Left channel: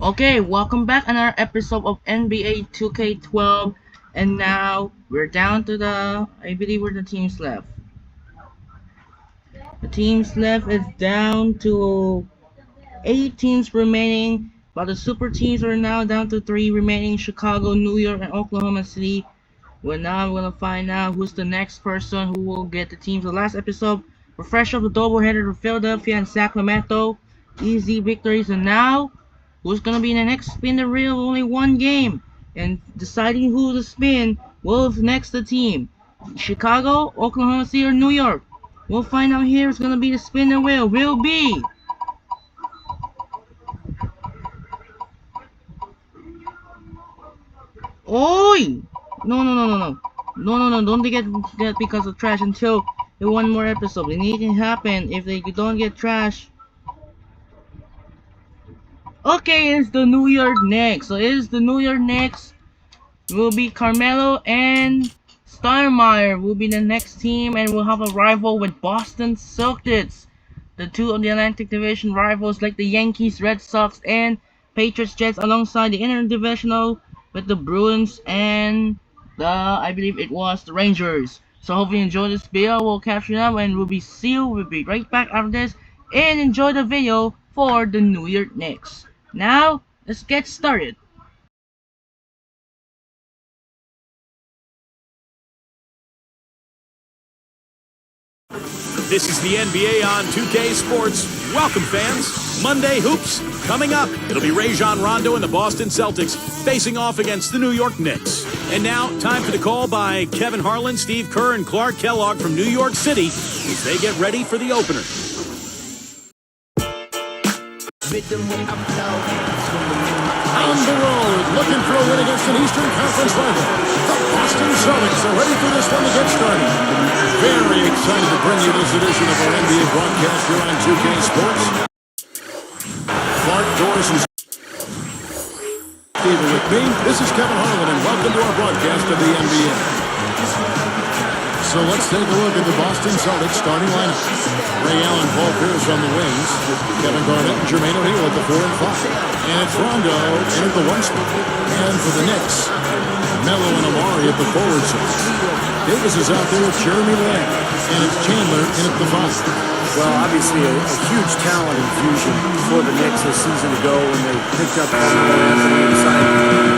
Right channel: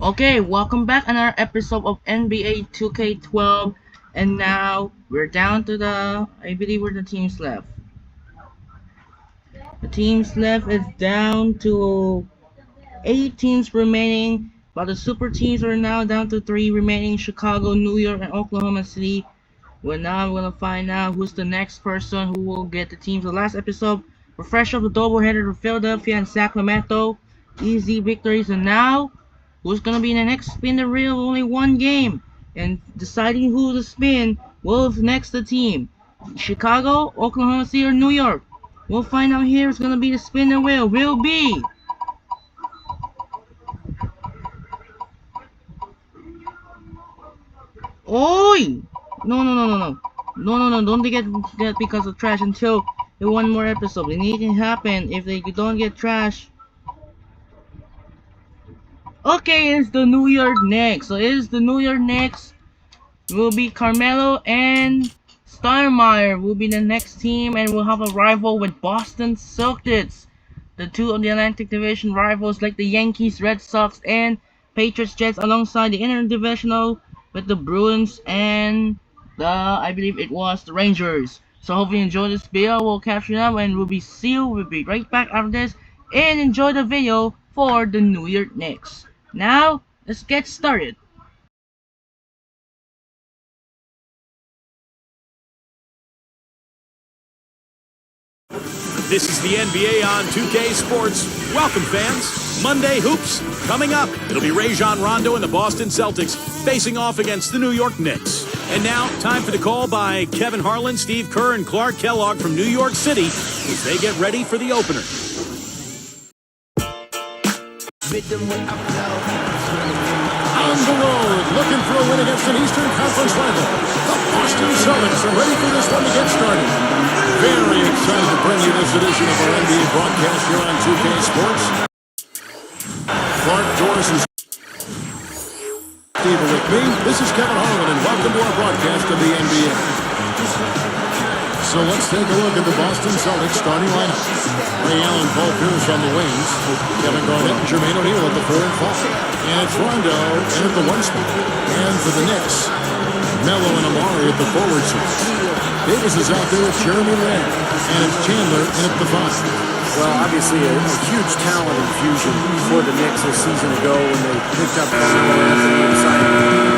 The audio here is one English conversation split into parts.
Okay, welcome back another episode of NBA 2K12, and now we're down to I believe where the teams left. The teams left is down to 8 teams remaining, while the super teams are now down to 3 remaining: Chicago, New York, and Oklahoma City. Well, now we're gonna find out who's the next person who will get the teams. The last episode, we're fresh off the doubleheader with Philadelphia and Sacramento, easy victories, and now who's gonna be in the next spin the reel? Only one game, and deciding who to spin will next the team. Chicago, Oklahoma City, or New York. We'll find out here. It's gonna be the spin the wheel. Will be. Oi! No, no, no, no, no. No, no, no, don't get that because of trash until the one more episode. Anything happen if they don't get trash. Okay, it's the New York Knicks. So it is the New York Knicks. Will be Carmelo and Steinmeier will be the next team, and we'll have a rival with Boston Celtics. The two of the Atlantic Division rivals like the Yankees, Red Sox, and Patriots Jets, alongside the interdivisional with the Bruins and I believe it was the Rangers. So hopefully you enjoy this video. We'll capture it up and we'll be right back after this, and enjoy the video for the New York Knicks. Now let's get started. This is the NBA on 2K Sports. Welcome, fans. Monday Hoops coming up. It'll be Rajon Rondo and the Boston Celtics facing off against the New York Knicks. And now, time for the call by Kevin Harlan, Steve Kerr, and Clark Kellogg from New York City as they get ready for the opener. On the road, looking for a win against an Eastern Conference rival. The Boston Celtics are ready for this one to get started. Very excited to bring you this edition of our NBA broadcast here on 2K Sports. Clark, Doris, and Steve are with me. This is Kevin Harlan, and welcome to our broadcast of the NBA. So let's take a look at the Boston Celtics starting lineup. Ray Allen, Paul Pierce on the wings. Kevin Garnett and Jermaine O'Neal at the 4 and 5. And it's Rondo in at the 1 spot. And for the Knicks, Melo and Amari at the forward slots. Davis is out there with Jeremy Lamb. And it's Chandler in at the 5. Well, obviously a huge talent infusion for the Knicks a season ago when they picked up Carmelo Anthony and signed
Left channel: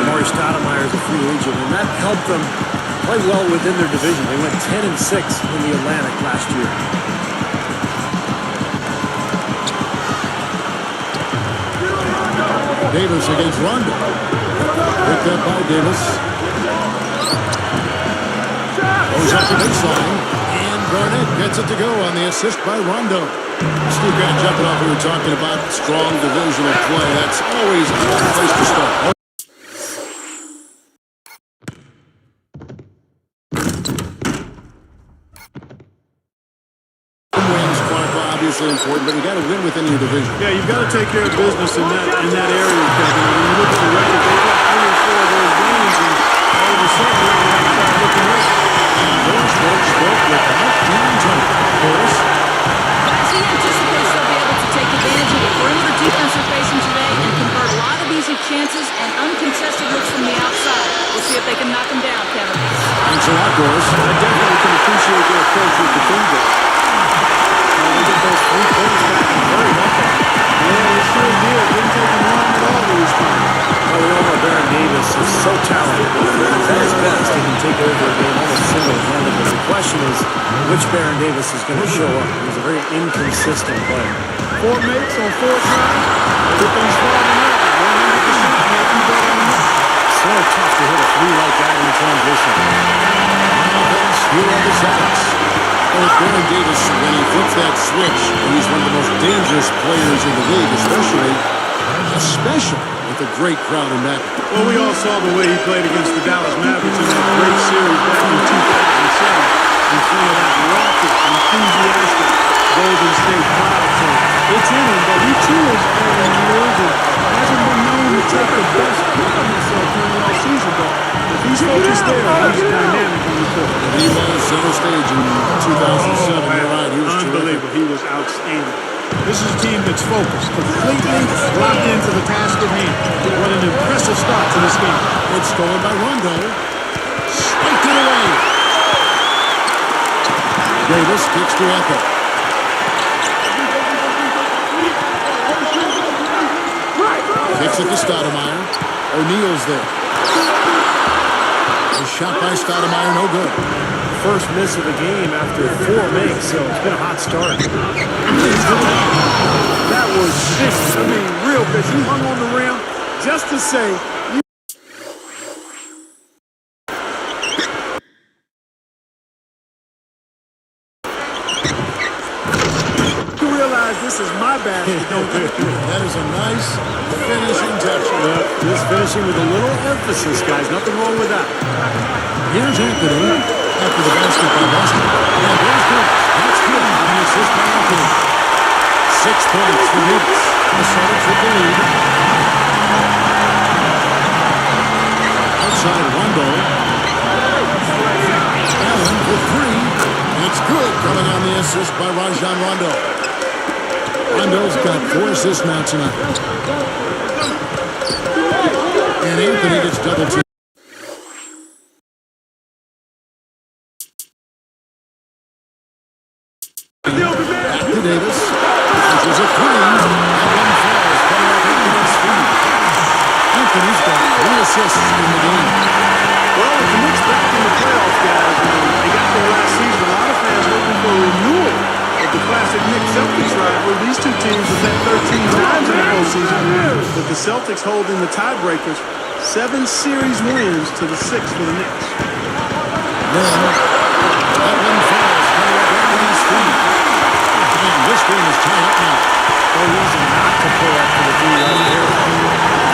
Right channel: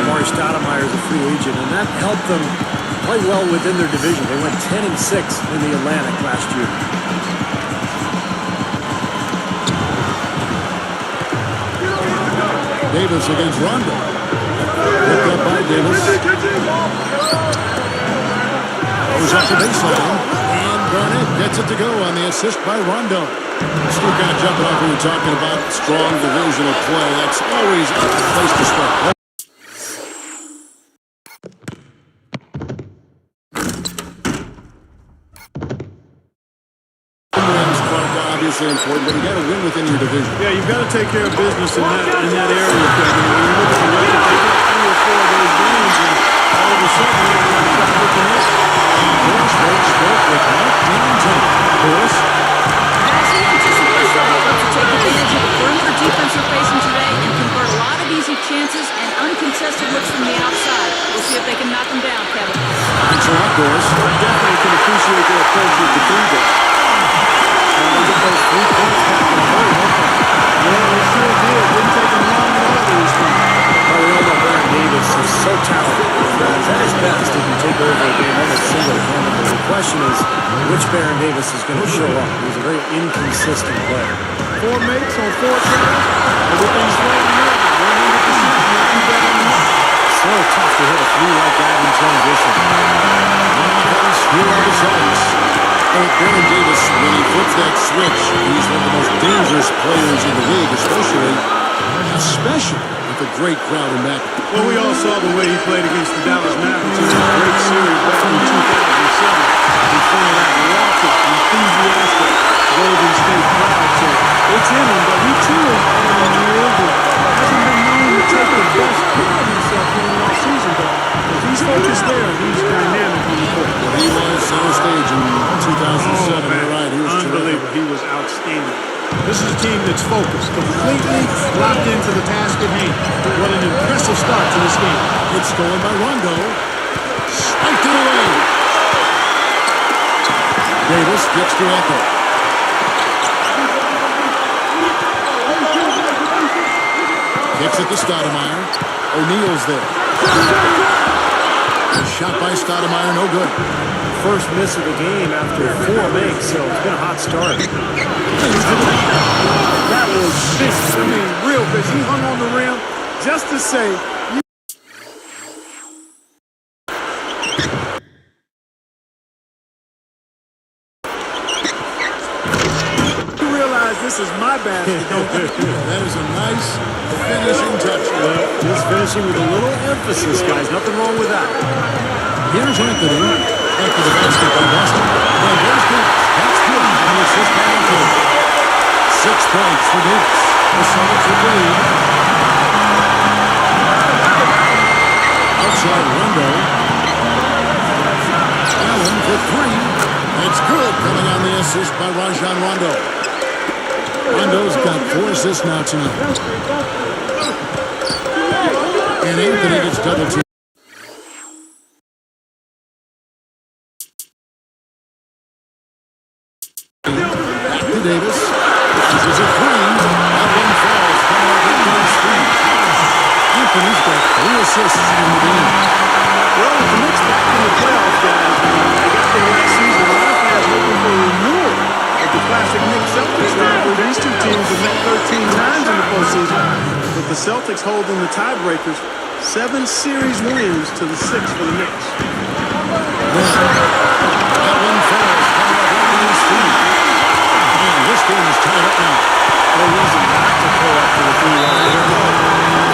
Amari Stoudemire as a free agent. And that helped them play well within their division. They went 10-6 in the Atlantic last year. Davis against Rondo. Picked up by Davis. Goes up the baseline. And Garnett gets it to go on the assist by Rondo. Steve, kind of jumping off, we were talking about strong divisional play. That's always a good place to start. Wins, Clark, obviously important, but you got to win within your division. Yeah, you've got to take care of business in that area, Kevin. I mean, you look at the record; they got 3 or 4 of those games, and all of a sudden you're on the outside looking in. And Doris spoke with Mike D'Antoni. Doris? Guys, he anticipates they'll be able to take advantage of the perimeter defense they're facing today and convert a lot of easy chances and uncontested looks from the outside. We'll see if they can knock them down, Kevin. Thanks a lot, Doris. I definitely can appreciate their approach with the 3-ball. They get those 3 points back in a hurry, don't they? Yeah, they sure did. Didn't take them long at all to respond. Well, we all know Baron Davis is so talented. He's at his best. He can take over a game almost single-handedly. The question is, which Baron Davis is going to show up? He's a very inconsistent player. 4 makes on 4 tries. Everything's falling out. 100% can't do better than that. So tough to hit a 3 like that in transition. On offense, here are the Celtics. With Baron Davis, when he flips that switch, he's one of the most dangerous players in the league, especially with a great crowd in back. Well, we all saw the way he played against the Dallas Mavericks in that great series back in 2007 in front of that raucous, enthusiastic Golden State crowd. So it's in him, but he too is adding years and hasn't been known to take the best care of himself during the offseason. But if he's focused there, he's dynamic on the court. Well, he was center stage in 2007. You're right. He was unbelievable. terrific. He was outstanding. This is a team that's focused, completely locked into the task at hand. What an impressive start to this game. It's stolen by Rondo. Swiped it away. Davis kicks to Anthony. Kicks it to Stoudemire. O'Neal's there. A shot by Stoudemire, no good. First miss of the game after 4 makes, so it's been a hot start. That was vicious. I mean, real vicious. He hung on the rim just to say, you realize this is my basket, don't you? Yeah, that is a nice finishing touch. Just finishing with a little emphasis, guys. Nothing wrong with that. Here's Anthony after the basket by Boston. And there's Davis. That's good. And the assist by Anthony. 6 points for Davis. The Celtics with the lead. Outside Rondo. Allen for 3. It's good, coming on the assist by Rajon Rondo. Rondo's got 4 assists now tonight. And Anthony gets double teamed. Back to Davis. Launches a 3. That one falls, coming off Anthony's feet. Anthony's got 3 assists in the game. Well, with the Knicks back in the playoffs, guys, they got there last season. A lot of fans hoping for a renewal of the classic Knicks-Celtics rivalry. These two teams have met 13 times in the postseason, with the Celtics holding the tiebreakers. 7 series wins to the 6 for the Knicks. Then, that one falls, coming off Anthony's feet. And this game is tied up now. No reason not to pull up for the 3 right there.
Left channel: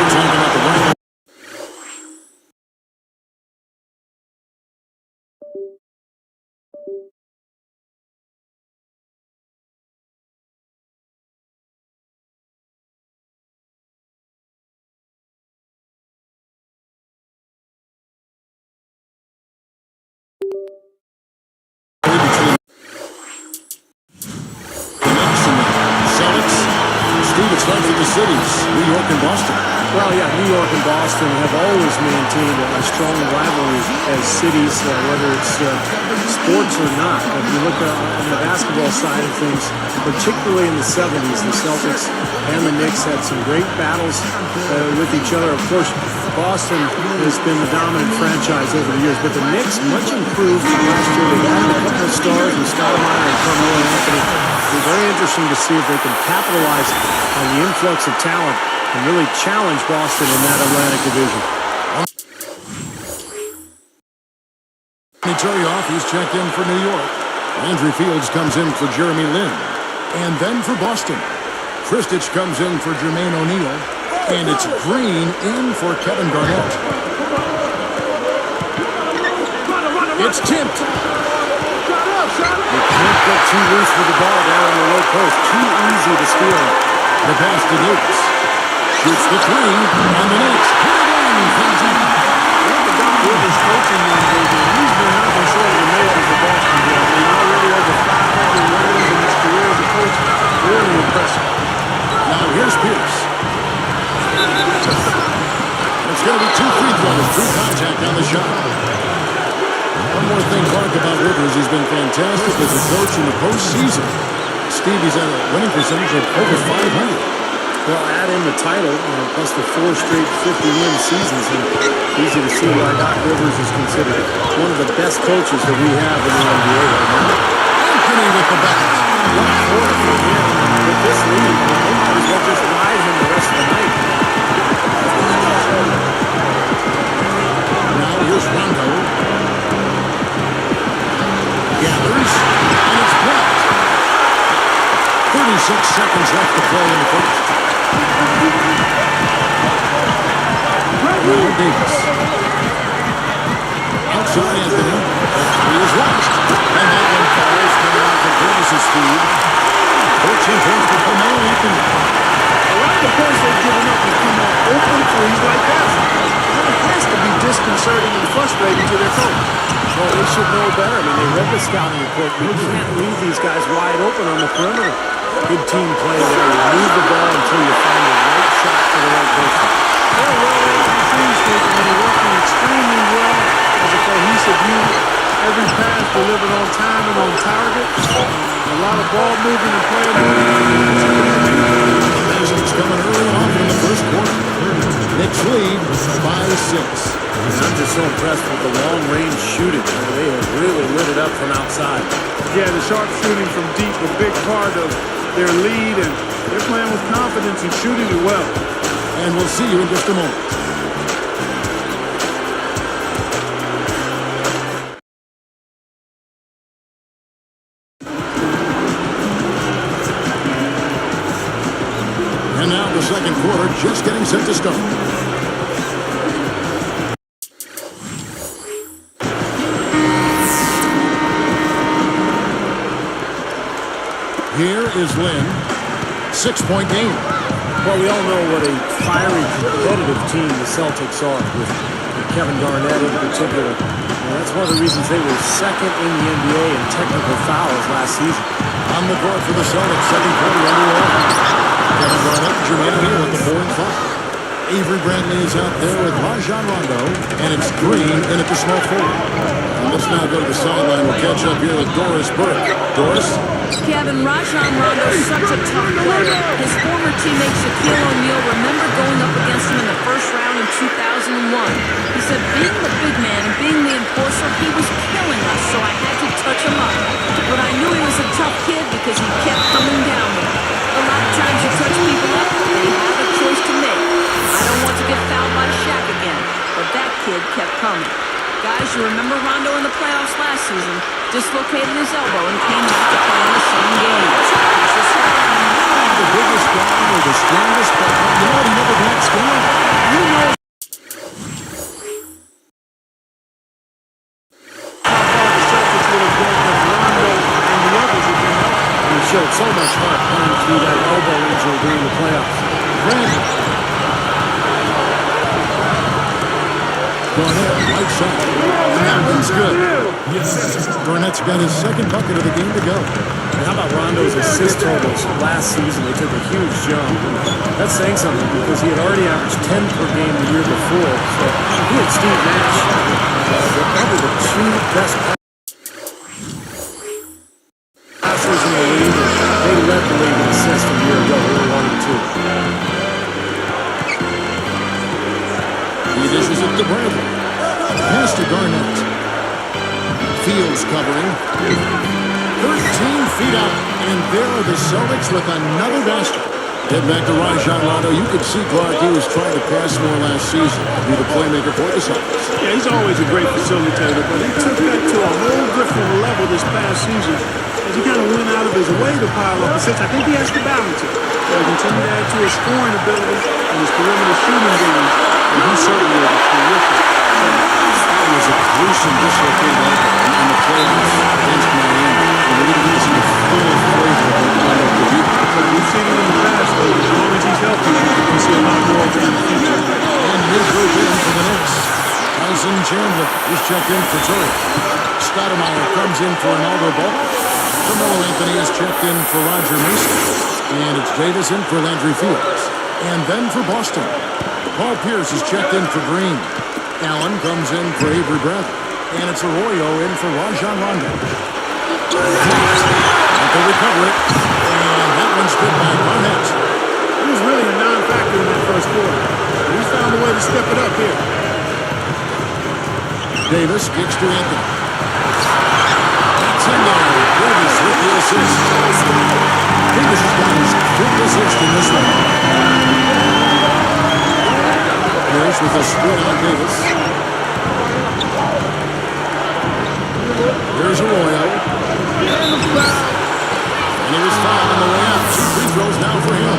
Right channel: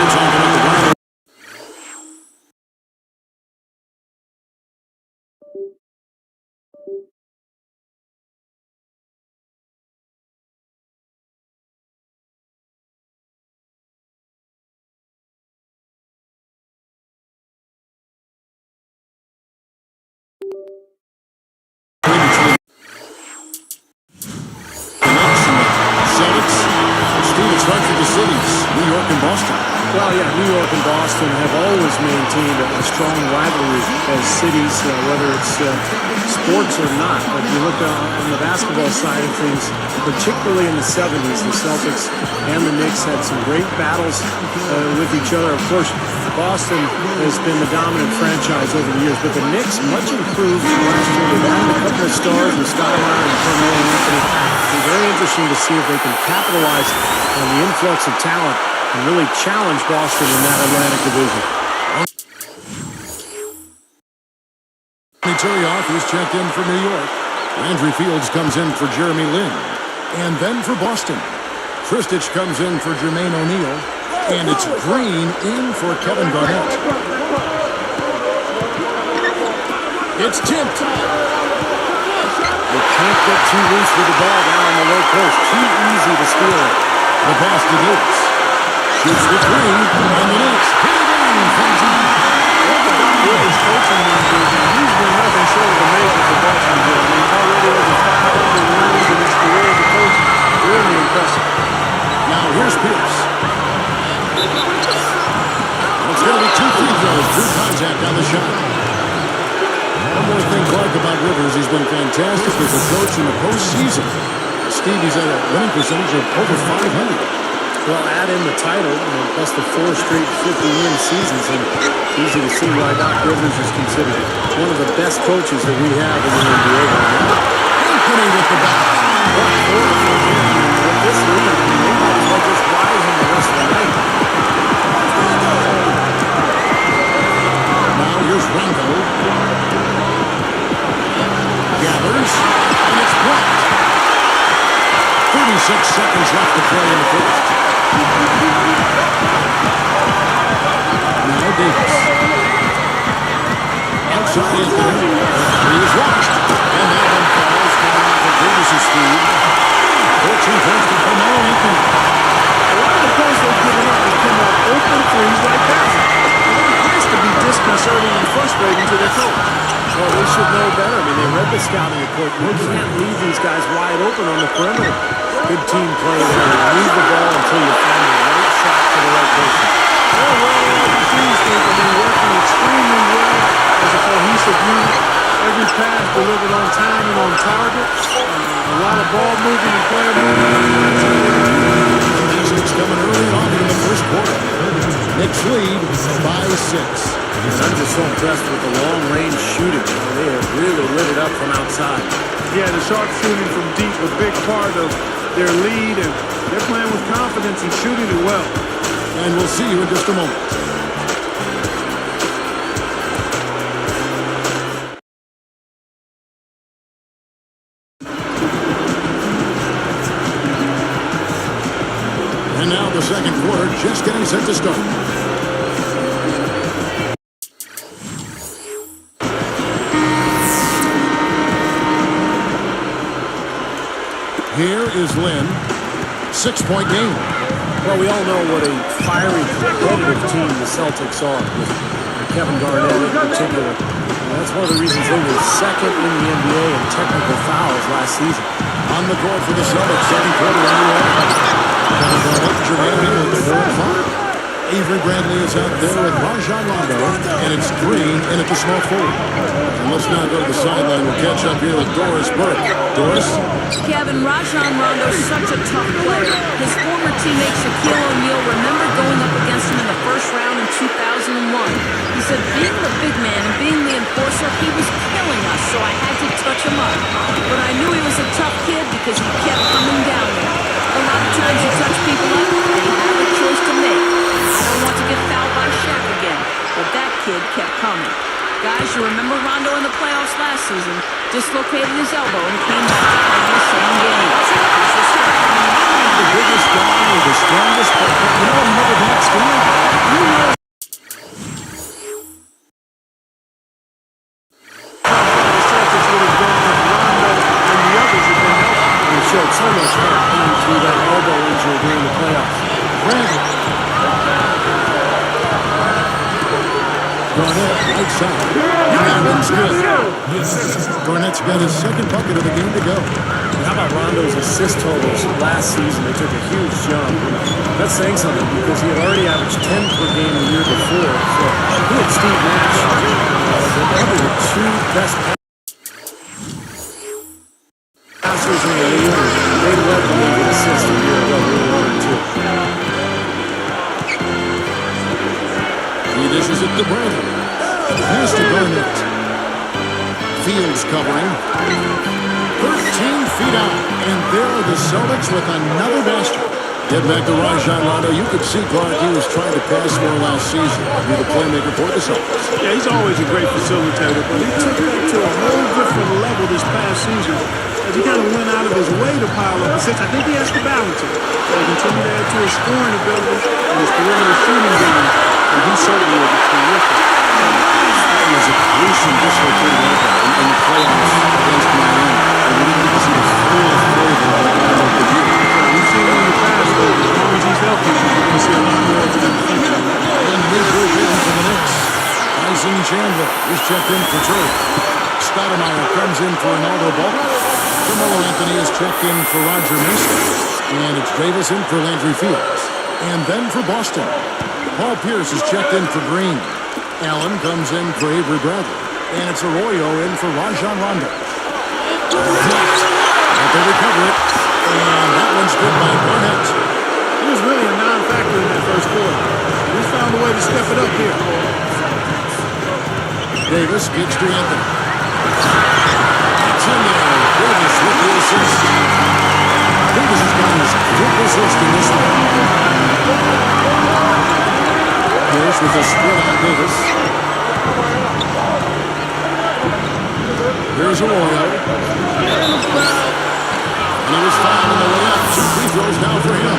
You're talking about the rivalry. Between the Knicks and the Celtics. Steve, it starts with the cities, New York and Boston. Well, yeah, New York and Boston have always maintained a strong rivalry as cities, whether it's sports or not. But if you look on the basketball side of things, particularly in the 70s, the Celtics and the Knicks had some great battles with each other. Of course, Boston has been the dominant franchise over the years, but the Knicks, much improved from last year. They've added a couple of stars with Stoudemire and Carmelo Anthony. It'll be very interesting to see if they can capitalize on the influx of talent and really challenge Boston in that Atlantic division. Turioff, he's checked in for New York. Landry Fields comes in for Jeremy Lin. And then for Boston, Kristich comes in for Jermaine O'Neal. And it's Green in for Kevin Garnett. It's tipped. You can't get too loose with the ball down on the low post. Too easy to steal it. The pass to Davis. Shoots the 3, and the Knicks hit it in from deep. Look at Doc Rivers' coaching numbers, and he's been nothing short of amazing for Boston here. I mean, already over 500 wins in his career as a coach. Really impressive. Now here's Pierce. And it's going to be 2 free throws. Drew contact on the shot. One more thing, Clark, about Rivers. He's been fantastic as a coach in the postseason. Steve, he's at a winning percentage of over 500. Well, add in the title and plus the 4 straight 50-win seasons, and easy to see why Doc Rivers is considered one of the best coaches that we have in the NBA right now. Anthony with the back. What a quarter for him, and with this lead, I mean, they might as well just ride him the rest of the night. Now here's Rondo. Gathers, and it's blocked. 36 seconds left to play in the first. Now Davis. Outside Anthony. The 3 is launched. And that one falls, coming off of Davis's feed. 14 points for Carmelo Anthony. A lot of the points they've given up have come off open threes like that. has to be disconcerting and frustrating to their coach. Well, they should know better. I mean, they read the scouting report. You can't leave these guys wide open on the perimeter. Good team play there. You move the ball until you find the right shot to the right person. They're well-oiled machines, and they're working extremely well as a cohesive unit. Every pass delivered on time and on target. A lot of ball movement and player movement. The basket's coming early and often in the first quarter. Knicks lead by 6. And I'm just so impressed with the long-range shooting. They have really lit it up from outside. Yeah, the sharp shooting from deep, a big part of their lead, and they're playing with confidence and shooting it well. And we'll see you in just a moment. And now the second quarter just getting set to start. Here is Lynn. 6-point game. Well, we all know what a fiery, competitive team the Celtics are, with Kevin Garnett in particular. That's one of the reasons they were second in the NBA in technical fouls last season. On the court for the Celtics, second quarter underway. Kevin Garnett and Jermaine O'Neal at the 4 and 5. Avery Bradley is out there with Rajon Rondo, and it's Green in at the small forward. And let's now go to the sideline. We'll catch up here with Doris Burke. Doris? Kevin, Rajon Rondo's such a tough player. His former teammate Shaquille O'Neal remembered going up against him in the first round in 2001. He said being the big man and being the enforcer, he was killing us, so I had to touch him up. But I knew he was a tough kid because he kept coming down there. A lot of times you touch people up, they have a choice to make. I don't want to get fouled by Shaq again, but that kid kept coming. Guys, you remember Rondo in the playoffs last season? Dislocated his elbow and came back to play in the same game. He's a star. The biggest guy or the strongest, but you know what? He never backs down. You know how far the Celtics would have gone if Rondo and the others had been healthy. And he showed so much heart playing through that elbow injury during the playoffs. Bradley. Garnett, right side. And that one's good. Garnett's got his second bucket of the game to go. And how about Rondo's assist totals last season? They took a huge jump. And that's saying something because he had already averaged 10 per game the year before. So he and Steve Nash were probably the two best passers in the league. And they led the league in assists a year ago. They were 1 and 2. He dishes it to Bradley. Pass to Garnett. Fields covering. 13 feet out. And there are the Celtics with another basket. Get back to Rajon Rondo. You could see, Clark, he was trying to pass more last season. Be the playmaker for the Celtics. Yeah, he's always a great facilitator, but he took that to a whole different level this past season as he kind of went out of his way to pile up assists. I think he has to balance it. Got to continue to add to his scoring ability and his perimeter shooting game. But he certainly is a terrific center. It was a gruesome dislocated elbow in the playoffs against Miami. And we didn't get to see the full flavor of what Rondo could do. We've seen it in the past, though. As long as he's healthy, we're going to see a lot more of it in the future. And new group in for the Knicks. Tyson Chandler is checked in for Curry. Stoudemire comes in for Ronaldo Ball. Carmelo Anthony is checked in for Roger Mason. And it's Davis in for Landry Fields. And then for Boston, Paul Pierce is checked in for Green. Allen comes in for Avery Bradley. And it's Arroyo in for Rajon Rondo. But they recover it. And that one's good by Garnett. He was really a non-factor in that first quarter. He's found a way to step it up here. Davis kicks to Anthony. That's in there. Davis with the assist. Davis has got his fifth assist in this one. Pierce with a split on Davis. Here's Arroyo. And he was fouled on the way up. 2 free throws now for him.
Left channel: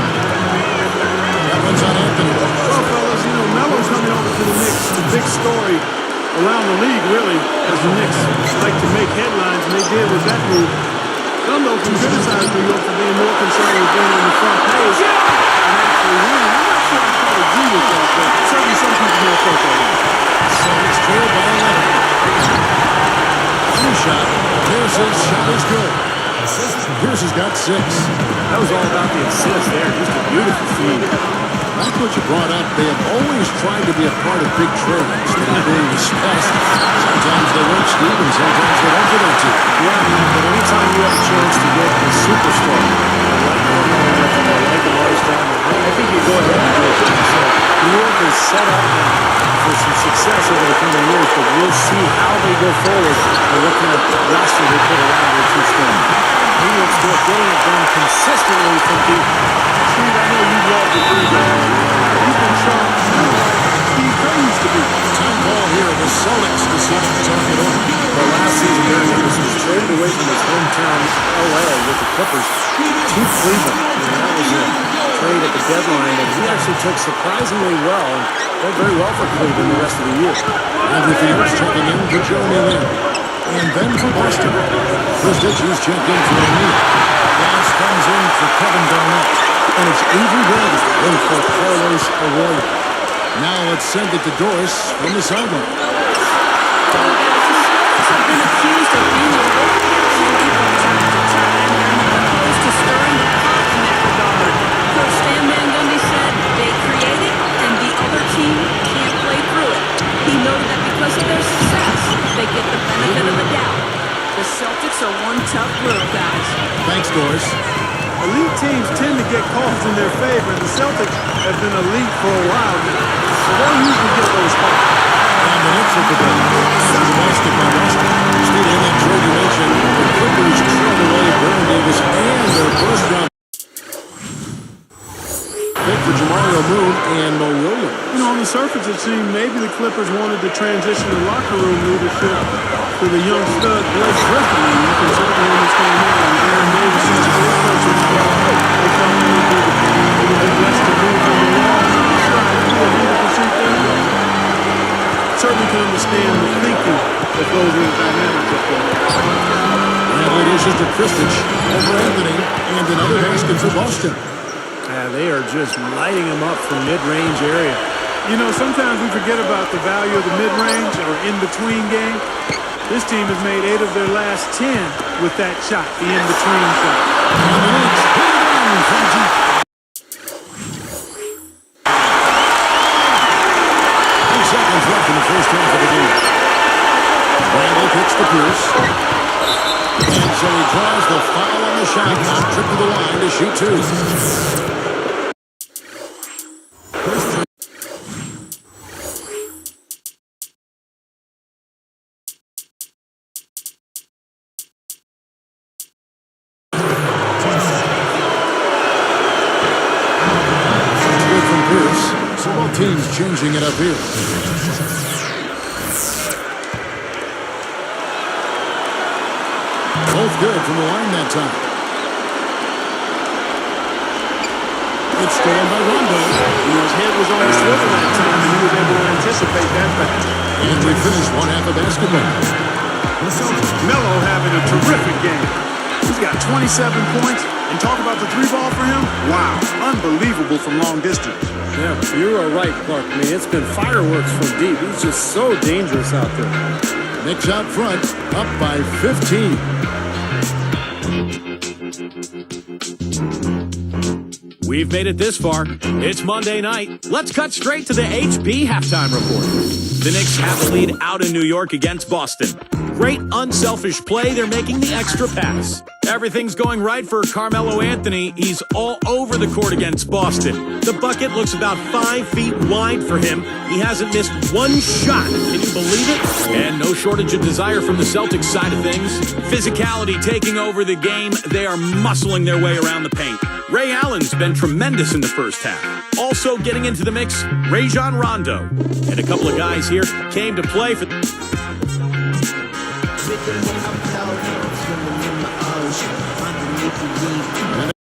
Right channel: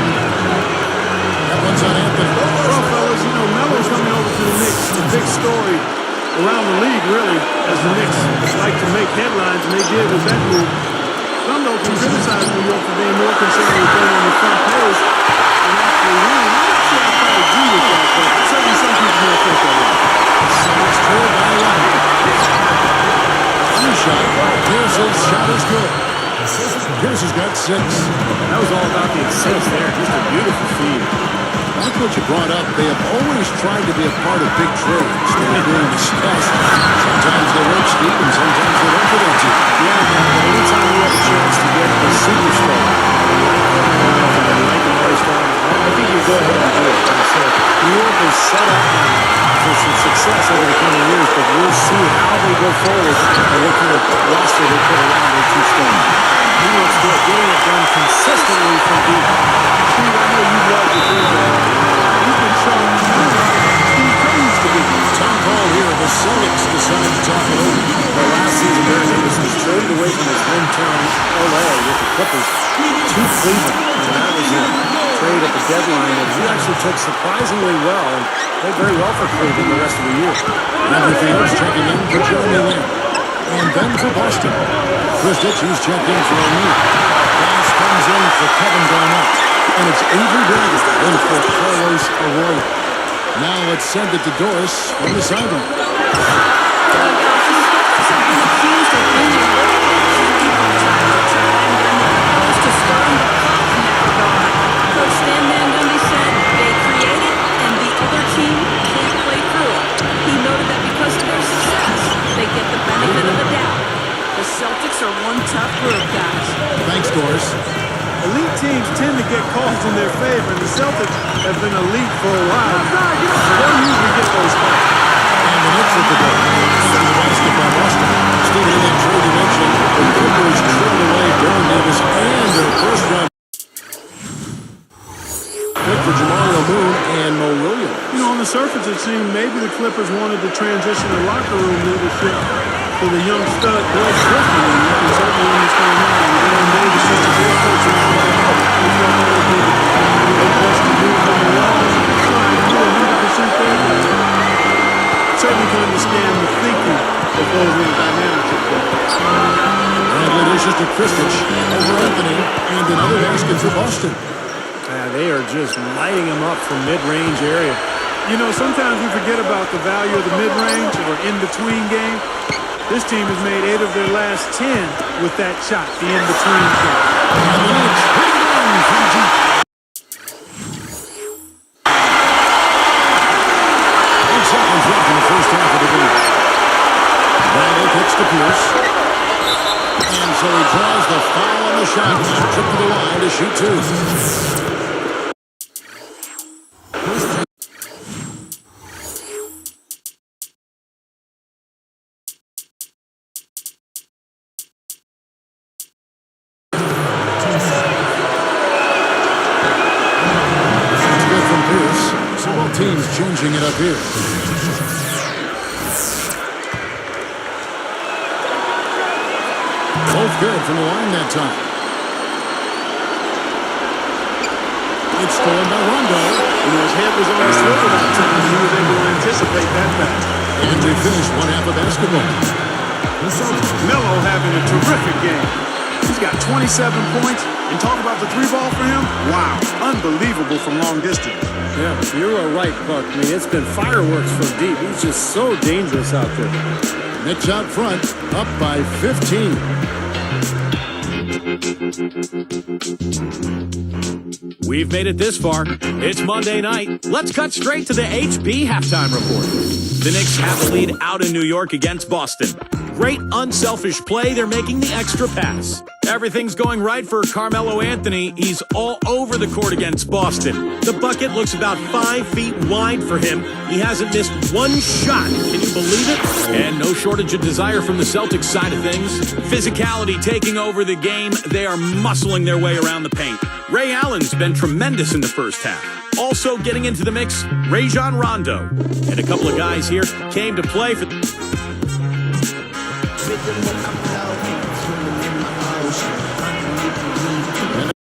That one's on Anthony. Well, fellas, you know, Melo's coming over to the Knicks. The big story around the league, really, as the Knicks like to make headlines, and they did with that move. Some, though, can criticize New York for being more concerned with being on the front page than actually winning. I'm not sure I quite agree with that, but certainly some people may have felt that way. shot. Pierce's shot is good. Pierce has got 6. That was all about the assist there. Just a beautiful feed. That's what you brought up. They have always tried to be a part of big trades that are being discussed. Sometimes they work, Steve, and sometimes they don't for their team. Yeah, but anytime you have a chance to get a superstar like Carmelo Anthony, like Amari Stoudemire, I think you go ahead and do it. So New York is set up now for some success over the coming years, but we'll see how they go forward and what kind of roster they put around their two stars. New York's good, getting it done consistently from deep. Steve, I know you love the three-ball. He's been sharp, kind of like Steve Kerr used to be. Time call here. The Celtics decide to talk it over. But last season, Baron Davis was traded away from his hometown, L.A., with the Clippers to Cleveland. And that was a trade at the deadline that he actually took surprisingly well and played very well for Cleveland the rest of the year. Andrew Phoenix checking in for Jeremy Lin. And then for Boston, Chris Ditchy's checked in for O'Neal. Bass comes in for Kevin Garnett. And it's Avery Bradley in for Carlos Arroyo. Now let's send it to Doris from the sideline. Guys, the Celtics have been accused of being a little bit tricky from time to time. They're not opposed to stirring the pot in that regard. Coach Stan Van Gundy said they create it and the other team can't play through it. He noted that because of their success, they get the benefit of the doubt. The Celtics are one tough group, guys. Thanks, Doris. Elite teams tend to get calls in their favor, and the Celtics have been elite for a while now. So they'll usually get those calls. And the Knicks with the ball. After the basket by Boston. Steven, in that trade you mentioned, the Clippers traded away Baron Davis and their first-round pick for Jamario Moon and Mo Williams. You know, on the surface, it seemed maybe the Clippers wanted to transition the locker room leadership to the young stud Blake Griffin, and you can certainly understand that. And Baron Davis, such a great personality, they felt that would be the best to move him along. Sure, I agree 100% there, but certainly can understand the thinking that goes with the dynamics of play. Bradley dishes to Kristich over Anthony, and another basket for Boston. They are just lighting them up from mid-range area. You know, sometimes we forget about the value of the mid-range or in-between game. This team has made 8 of their last 10 with that shot, the in-between shot. And the Knicks hit it in from deep. 8 seconds left in the first half of the game. Bradley kicks to Pierce. And so he draws the foul on the shot. Now trip to the line to shoot 2. So both teams changing it up here. Both good from the line that time. It's stolen by Rondo. You know, his head was on the swivel that time, and he was able to anticipate that pass. And we finish one half of basketball. Melo having a terrific game. He's got 27 points, and talk about the 3-ball for him. Wow, unbelievable from long distance. Yeah, you are right, Clark. I mean, it's been fireworks from deep. He's just so dangerous out there. Knicks out front, up by 15. We've made it this far. It's Monday night. Let's cut straight to the HB halftime report. The Knicks have the lead out in New York against Boston. Great unselfish play. They're making the extra pass. Everything's going right for Carmelo Anthony. He's all over the court against Boston. The bucket looks about 5 feet wide for him. He hasn't missed one shot. Can you believe it? And no shortage of desire from the Celtics side of things. Physicality taking over the game. They are muscling their way around the paint. Ray Allen's been tremendous in the first half. Also getting into the mix, Rajon Rondo. And a couple of guys here came to play for... Swimming in my ocean, underneath the reef.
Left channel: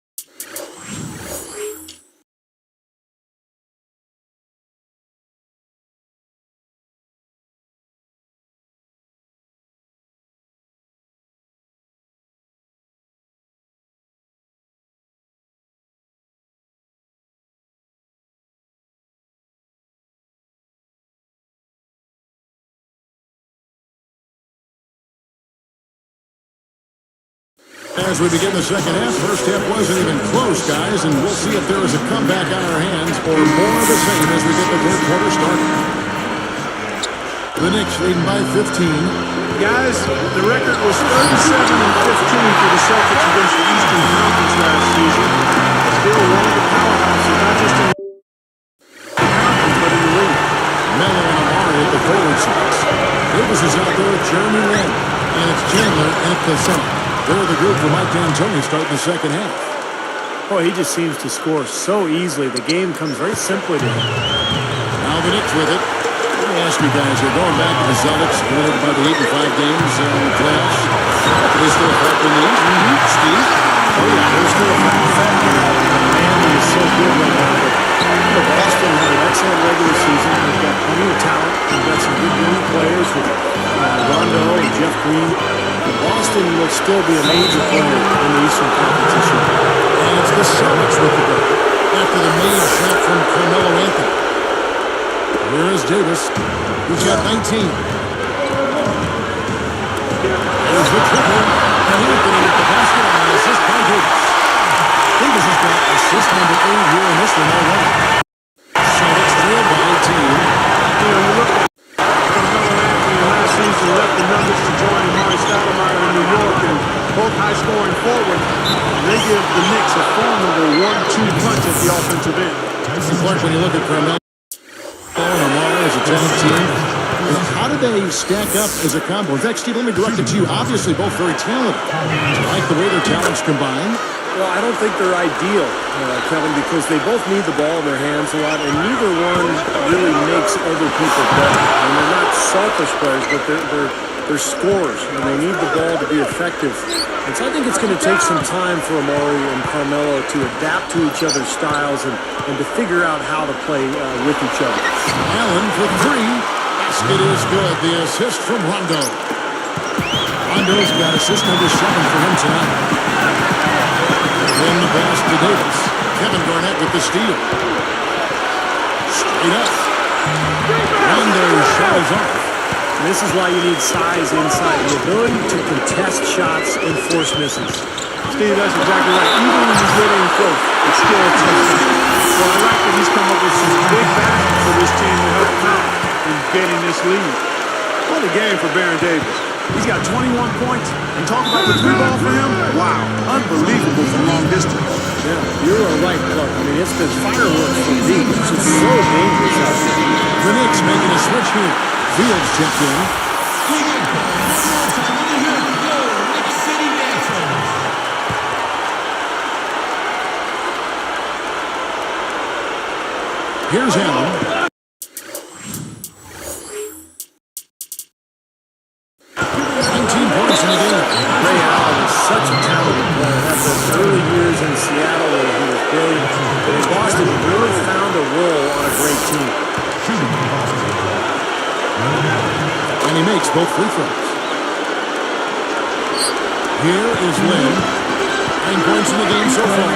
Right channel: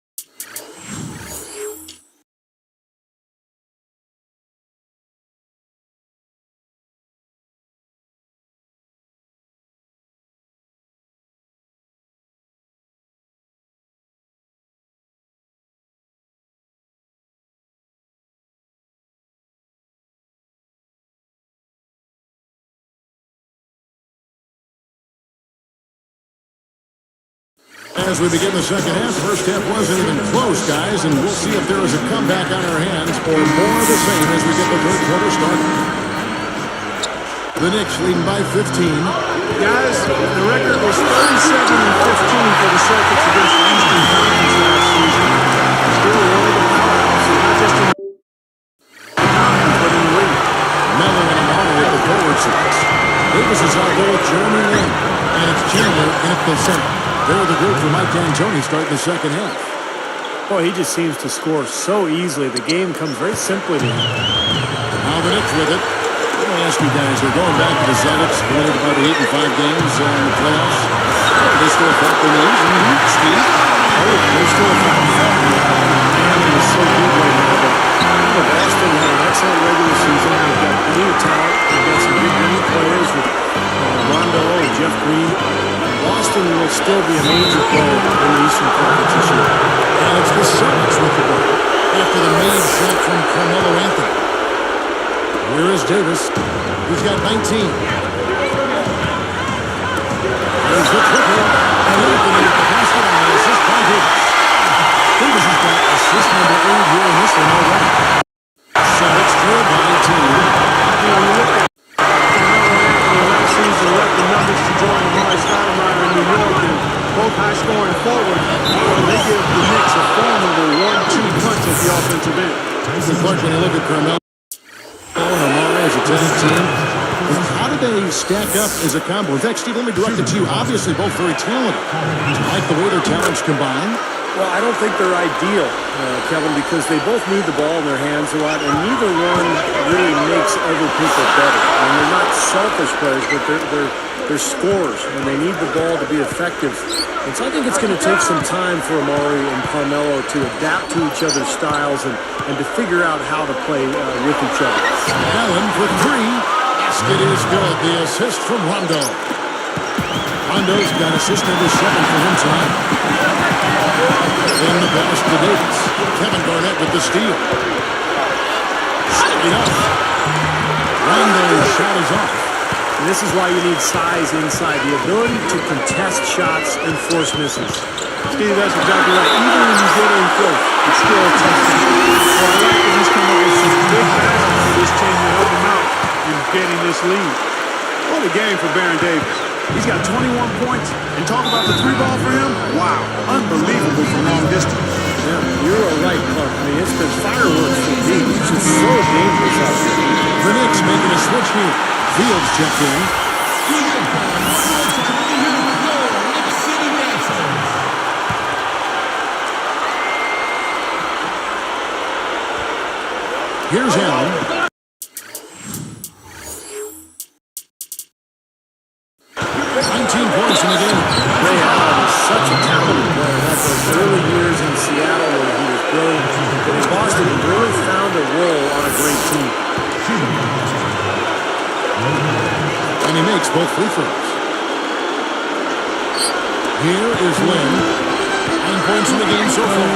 As we begin the second half, first half wasn't even close, guys, and we'll see if there is a comeback on our hands or more of the same as we get the third quarter started. The Knicks leading by 15. Guys, the record was 37-15 for the Celtics against the Eastern Conference last season. Still one of the powerhouses, not just in the conference, but in the league. Melo and Amari at the forward sides. Davis is out there with Jeremy Lin, and it's Chandler in at the center. They're the group for Mike D'Antoni starting the second half. Boy, he just seems to score so easily. The game comes very simply to him. Now the Knicks with it. Let me ask you guys, we're going back to the Celtics. We're looking about the 8 and 5 games in the playoffs. Are they still a factor in the East? Steve? Oh, yeah, they're still a factor. Miami is so good right now, but Boston had an excellent regular season. They've got plenty of talent. They've got some good young players with Rondo and Jeff Green. Boston will still be a major player in the Eastern Conference this year. And it's the Celtics with the ball after the made shot from Carmelo Anthony. Here is Davis. He's got 19. There's the triple. And Anthony with the basket on the assist by Davis. Davis has got assist number 8 here in this one already. Celtics trail by 18. You know, you look at Carmelo Anthony last season left the Nuggets to join Amari Stoudemire in New York, and both high-scoring forwards. And they give the Knicks a formidable 1-2 punch at the offensive end. And Clark, when you look at Carmelo and Amari as a talent team, how do they stack up as a combo? In fact, Steve, let me direct it to you. Obviously, both very talented. Do you like the way their talents combine? Well, I don't think they're ideal, Kevin, because they both need the ball in their hands a lot, and neither one really makes other people better. I mean, they're not selfish players, but they're scorers, and they need the ball to be effective. And so I think it's going to take some time for Amari and Carmelo to adapt to each other's styles and to figure out how to play with each other. Allen for 3. Basket is good. The assist from Rondo. Rondo's got assist number 7 for him tonight. In the pass to Davis. Kevin Garnett with the steal. Straight up. Rondo's shot is off. And this is why you need size inside. The ability to contest shots and force misses. Steve, that's exactly right. Even when you get in close, it's still a tough shot. Well, I like that he's come up with some big baskets for this team to help him out in getting this lead. What a game for Baron Davis. He's got 21 points, and talk about the 3-ball for him. Wow, unbelievable from long distance. Yeah, you are right, Clark. I mean, it's been fireworks from deep. He's just so dangerous out there. The Knicks making a switch here. Fields checked in. One more time, let me hear your Knicks City Dancers. Here's Allen. 19 points in the game. Ray Allen is such a talented player. Had those early years in Seattle where he was brilliant. But in Boston, he really found a role on a great team. And he makes both free throws. Here is Lin. 9 points in the game so far.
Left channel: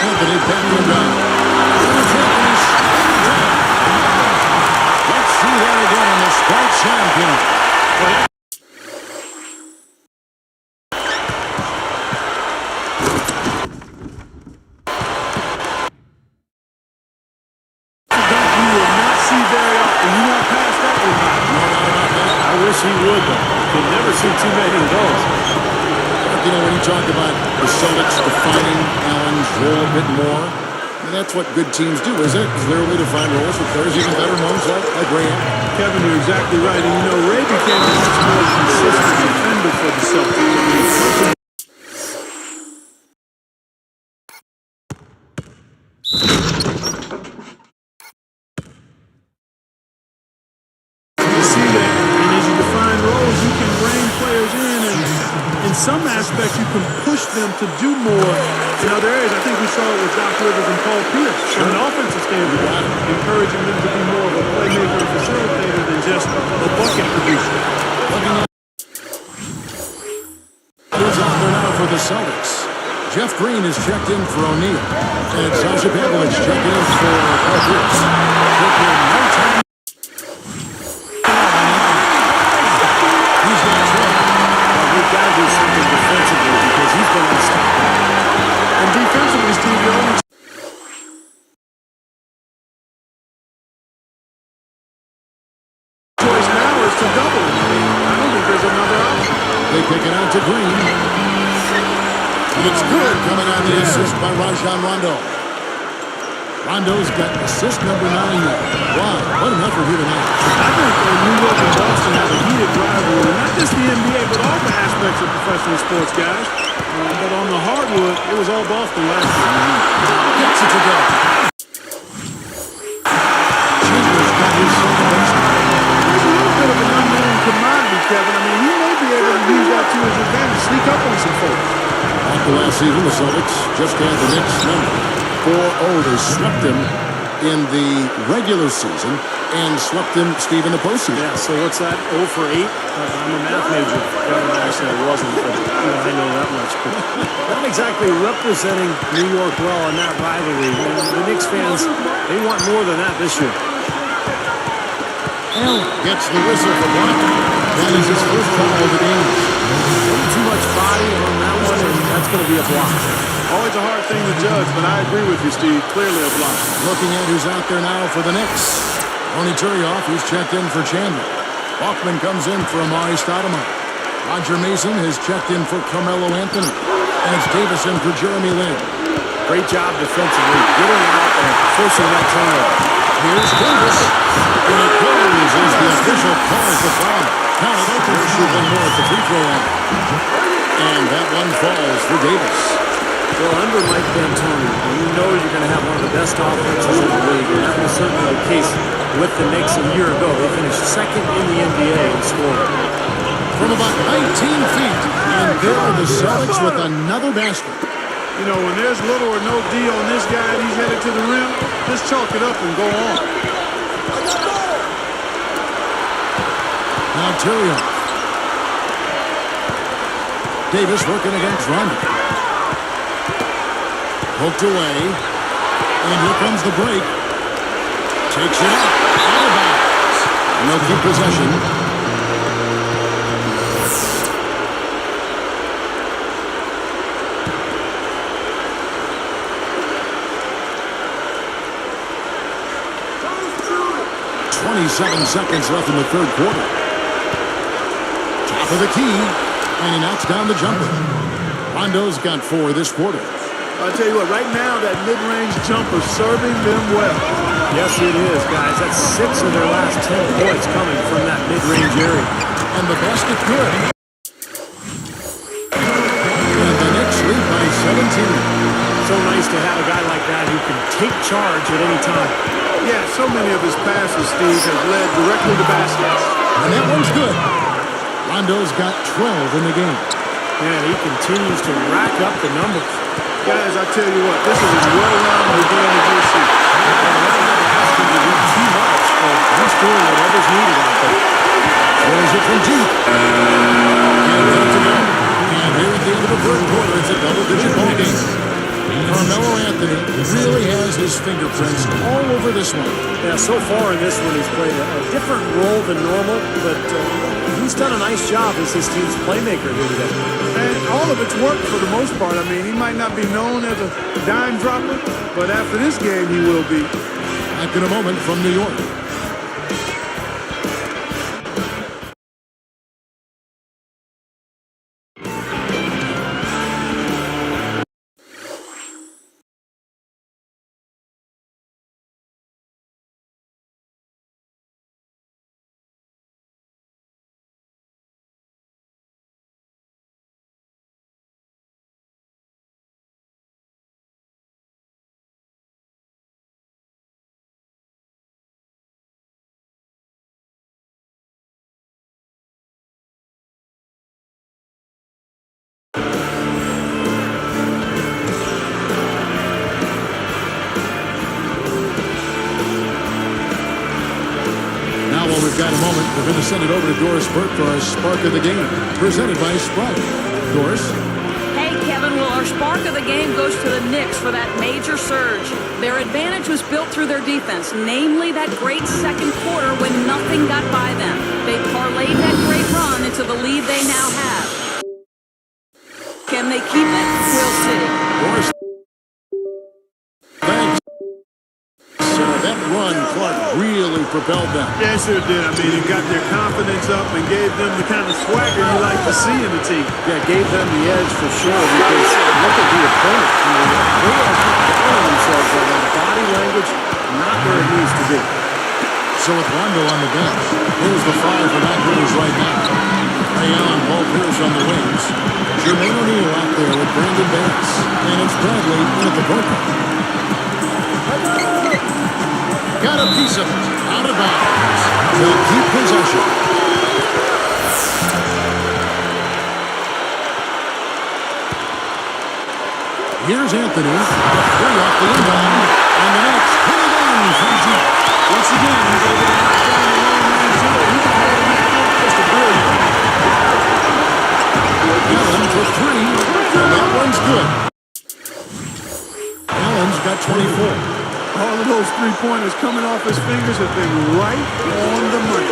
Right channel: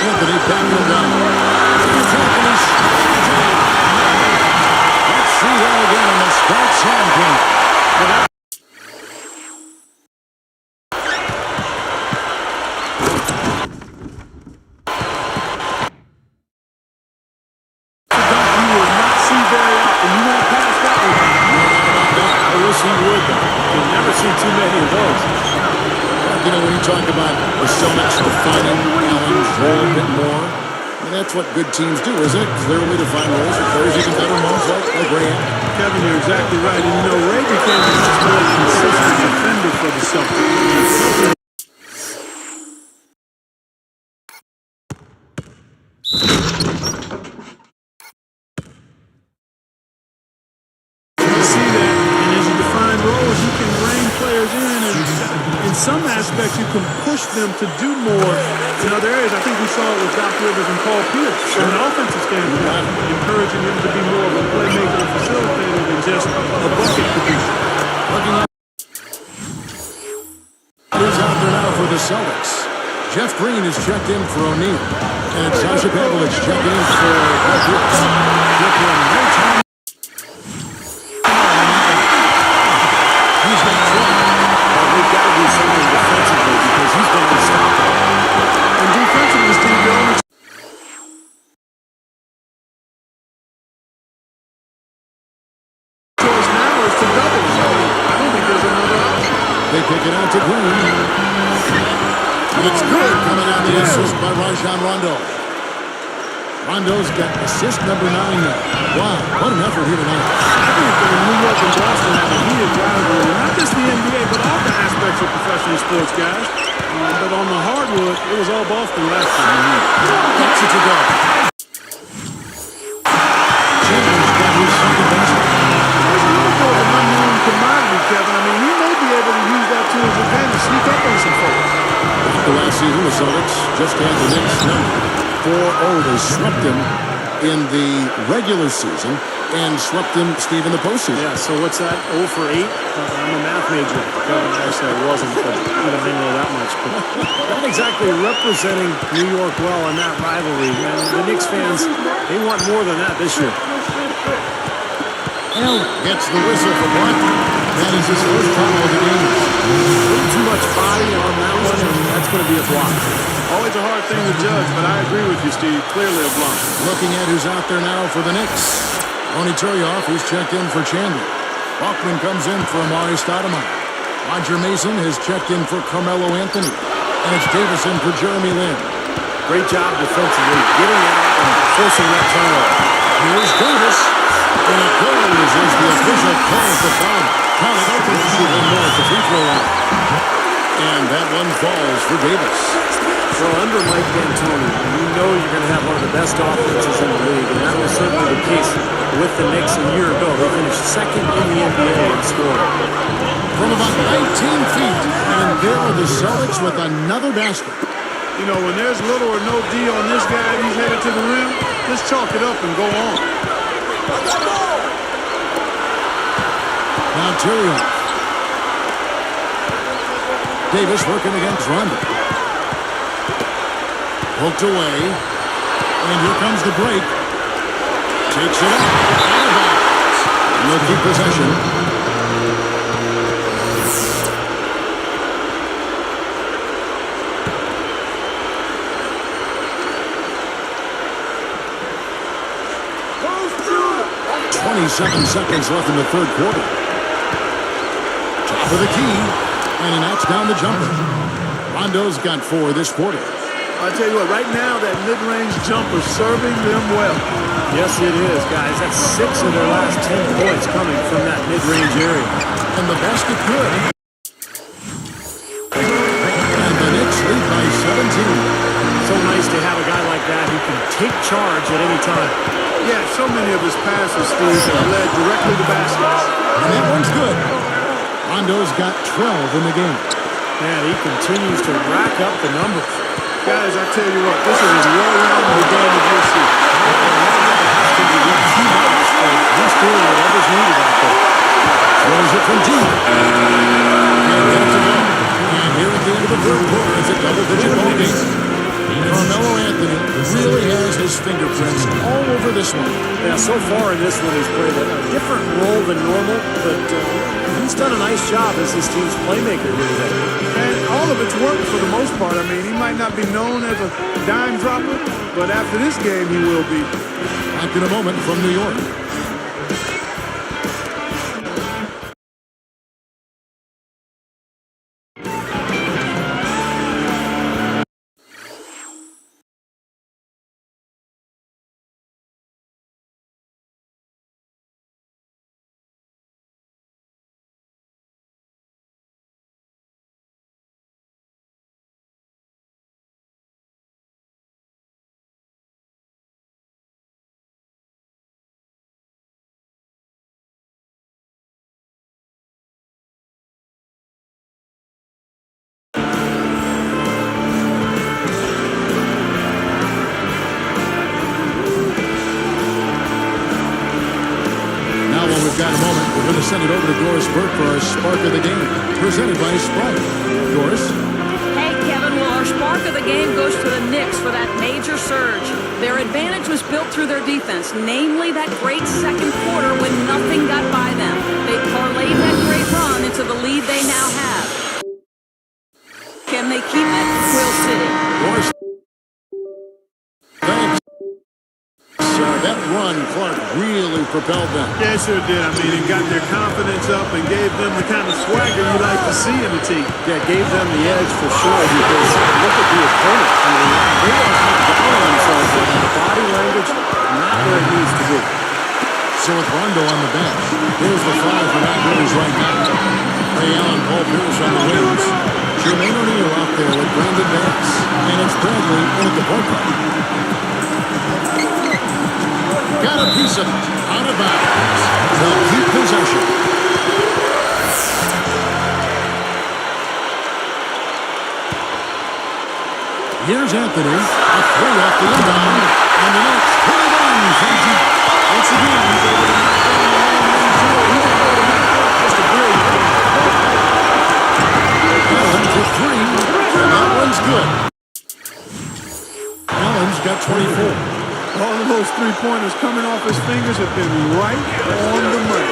Anthony backing him down. Here's Anthony sliding it down. Let's see that again on the Sprite Slam King. Very often. You won't pass that one by. No doubt about that. I wish he would, though. You can never see too many of those. Mark, you know, when you talk about the Celtics defining Allen's role a bit more, I mean, that's what good teams do, isn't it? Clearly define roles for players, even better ones like Ray Allen. Kevin, you're exactly right. And, you know, Ray became a much more consistent defender for the Celtics. I mean, roles, you can rein players in, and in some aspects you can push them to do more in other areas. I think we saw it with Doc Rivers and Paul Pierce. From an offensive standpoint, encouraging him to be more of a playmaker and facilitator than just a bucket producer. Looking at it is out there now for the Celtics. Jeff Green is checked in for O'Neal, and it's Sasha Pavlovich checking in for Paul Pierce. Took him no time. got to do something defensively because he's been unstoppable. And defensively, Steve, your only choice now is to double it. I mean, I don't think there's another option. They kick it out to Green. And it's good coming out the assist by Rajon Rondo. Rondo's got assist number 9 now. Wow, what an effort here tonight. I think New York and Boston have a heated rivalry, not just the NBA, but all the aspects of professional sports, guys. But on the hardwood, it was all Boston last year. Gets it to go. Chandler's got his second basket. He's a little bit of an unknown commodity, Kevin. I mean, he may be able to use that to his advantage, sneak up on some folks. Back to last season, the Celtics just had the Knicks number 4-0. They swept them in the regular season and swept them, Steve, in the postseason. Yeah, so what's that? 0 for 8? I'm a math major. Kevin, actually, I wasn't, but even I know that much. But not exactly representing New York well in that rivalry. And the Knicks fans, they want more than that this year. Allen gets the whistle for blocking. That is his first foul of the game. A little too much body on that one, and that's going to be a block. Always a hard thing to judge, but I agree with you, Steve. Clearly a block. Looking at who's out there now for the Knicks. Ronny Turioff, who's checked in for Chandler. Bachman comes in for Amari Stoudemire. Roger Mason has checked in for Carmelo Anthony. And it's Davison for Jeremy Lin. Great job defensively, getting out and forcing that turnover. Here's Davis. And it goes as the official calls the foul. Count it. He'll shoot one more at the free throw line. And that one falls for Davis. Well, under Mike D'Antoni, you know you're going to have one of the best offenses in the league, and that was certainly the case with the Knicks a year ago. They finished second in the NBA in scoring. From about 19 feet, and there are the Celtics with another basket. You know, when there's little or no D on this guy and he's headed to the rim, just chalk it up and go on. Now Turioff. Davis working against Rondo. Poked away. And here comes the break. Takes it up. Out of bounds. And they'll keep possession. Close to it. 27 seconds left in the third quarter. Top of the key. And he knocks down the jumper. Rondo's got 4 this quarter. I tell you what, right now that mid-range jumper serving them well. Yes, it is, guys. That's 6 of their last 10 points coming from that mid-range area. And the basket good. And the Knicks lead by 17. So nice to have a guy like that who can take charge at any time. Yeah, so many of his passes, Steve, have led directly to baskets. And that one's good. Rondo's got 12 in the game. Man, he continues to rack up the numbers. Guys, I tell you what, this is as well-rounded a game as you'll see. Well, they haven't had to ask him to do too much, but he's doing whatever's needed out there. Throws it from deep. And got to go. And here at the end of the third quarter, it's a double-digit ball game. Carmelo Anthony really has his fingerprints all over this one. Yeah, so far in this one, he's played a different role than normal, but he's done a nice job as his team's playmaker here today. And all of it's worked for the most part. I mean, he might not be known as a dime dropper, but after this game, he will be. Back in a moment from New York. Now, while we've got a moment, we're going to send it over to Doris Burke for our Spark of the Game, presented by Sprite. Doris? Hey, Kevin, well, our spark of the game goes to the Knicks for that major surge. Their advantage was built through their defense, namely that great second quarter when nothing got by them. They parlayed that great run into the lead they now have. Can they keep it? We'll see. Morris, thanks. That run, Clark, really propelled them. Yeah, it sure did. I mean, it got their confidence up and gave them the kind of swagger you like to see in a team. Yeah, gave them the edge for sure because look at the opponent. I mean, they are kind of down on themselves right now. The body language, not where it needs to be. So with Rondo on the bench, here's the five for Matt Rivers right now. Ray Allen, Paul Pierce on the wings. Jermaine O'Neal out there with Brandon Bass. And it's Bradley in at the point guard. Got a piece of it. Out of bounds. They'll keep possession. Here's Anthony. A three off the inbound. And the Knicks hit it in from deep. Once again, he's able to knock down the long-range shooter. He's automatic. Just a brilliant game. Allen for three. And that one's good. Allen's got 24. All of those three-pointers coming off his fingers have been right on the money.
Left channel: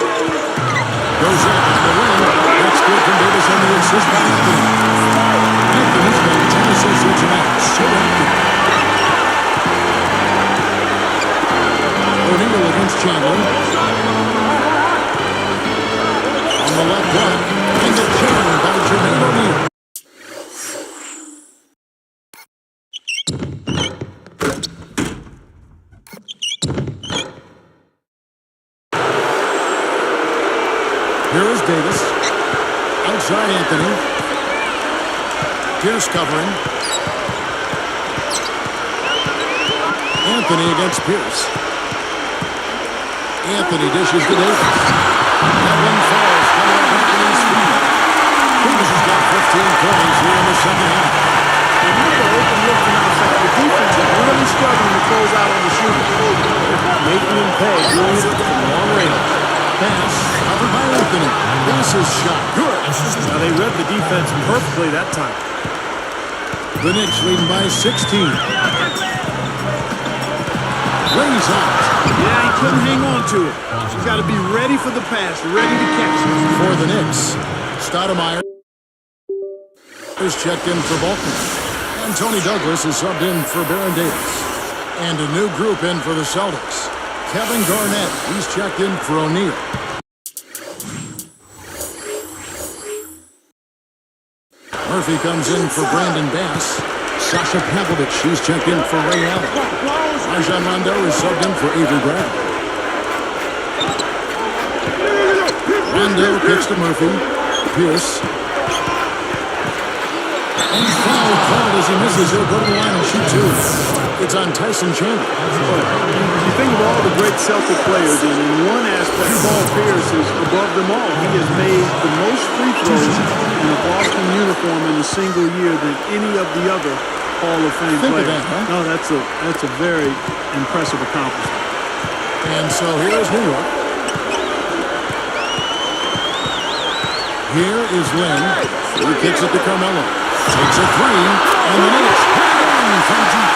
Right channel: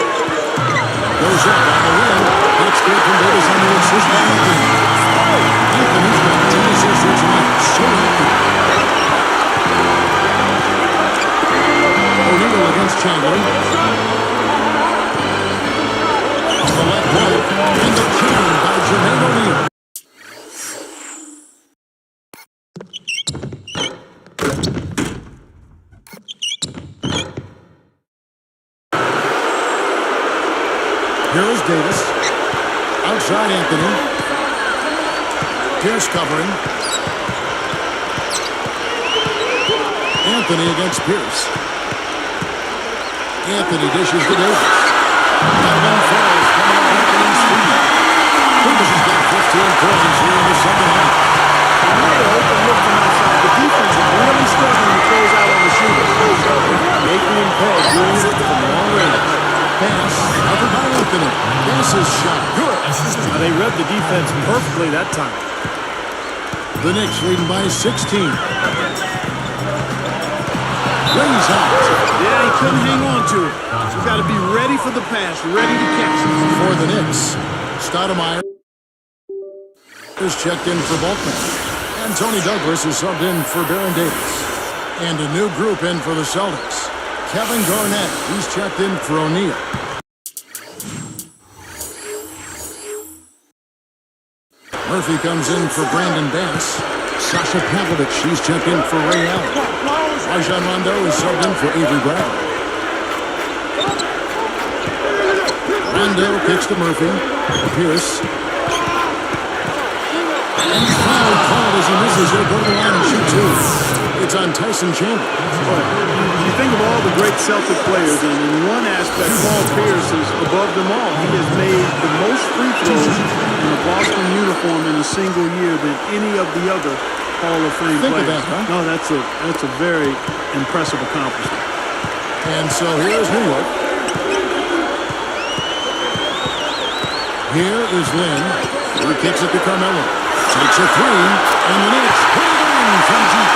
Goes up on the wing. That's good from Davis on the assist by Anthony. Anthony's got 10 assists here tonight. So active. O'Neal against Chandler. On the left block. And the chain by Jermaine O'Neal. Here is Davis. Outside Anthony. Pierce covering. Anthony against Pierce. Anthony dishes to Davis. That one falls coming off Anthony's feet. Davis has got 15 points here in the second half. Another open look from outside. The defense is really struggling to close out on the shooter. Making him pay, doing it from long range. Pass covered by Anthony. Bass's shot. Good. Now they read the defense perfectly that time. The Knicks leading by 16. Lays out. Yeah, he couldn't hang on to it. He's got to be ready for the pass, ready to catch it. For the Knicks, Stoudemire is checked in for Bulkman. And Tony Douglas is subbed in for Baron Davis. And a new group in for the Celtics. Kevin Garnett, he's checked in for O'Neal. Murphy comes in for Brandon Bass. Sasha Pavlovich, he's checked in for Ray Allen. Rajon Rondo is subbed in for Avery Bradley. Rondo kicks to Murphy. Pierce. And foul called as he misses. He'll go to the line and shoot two. It's on Tyson Chandler. But you think of all the great Celtic players, and in one aspect, Paul Pierce is above them all. He has made the most free throws in a Boston uniform in a single year than any of the other Hall of Fame Think of players. that, huh? No, that's a very impressive accomplishment. And so here's New York. Here is Lynn. He kicks it to Carmelo. Takes a three, and the Knicks put it in from deep.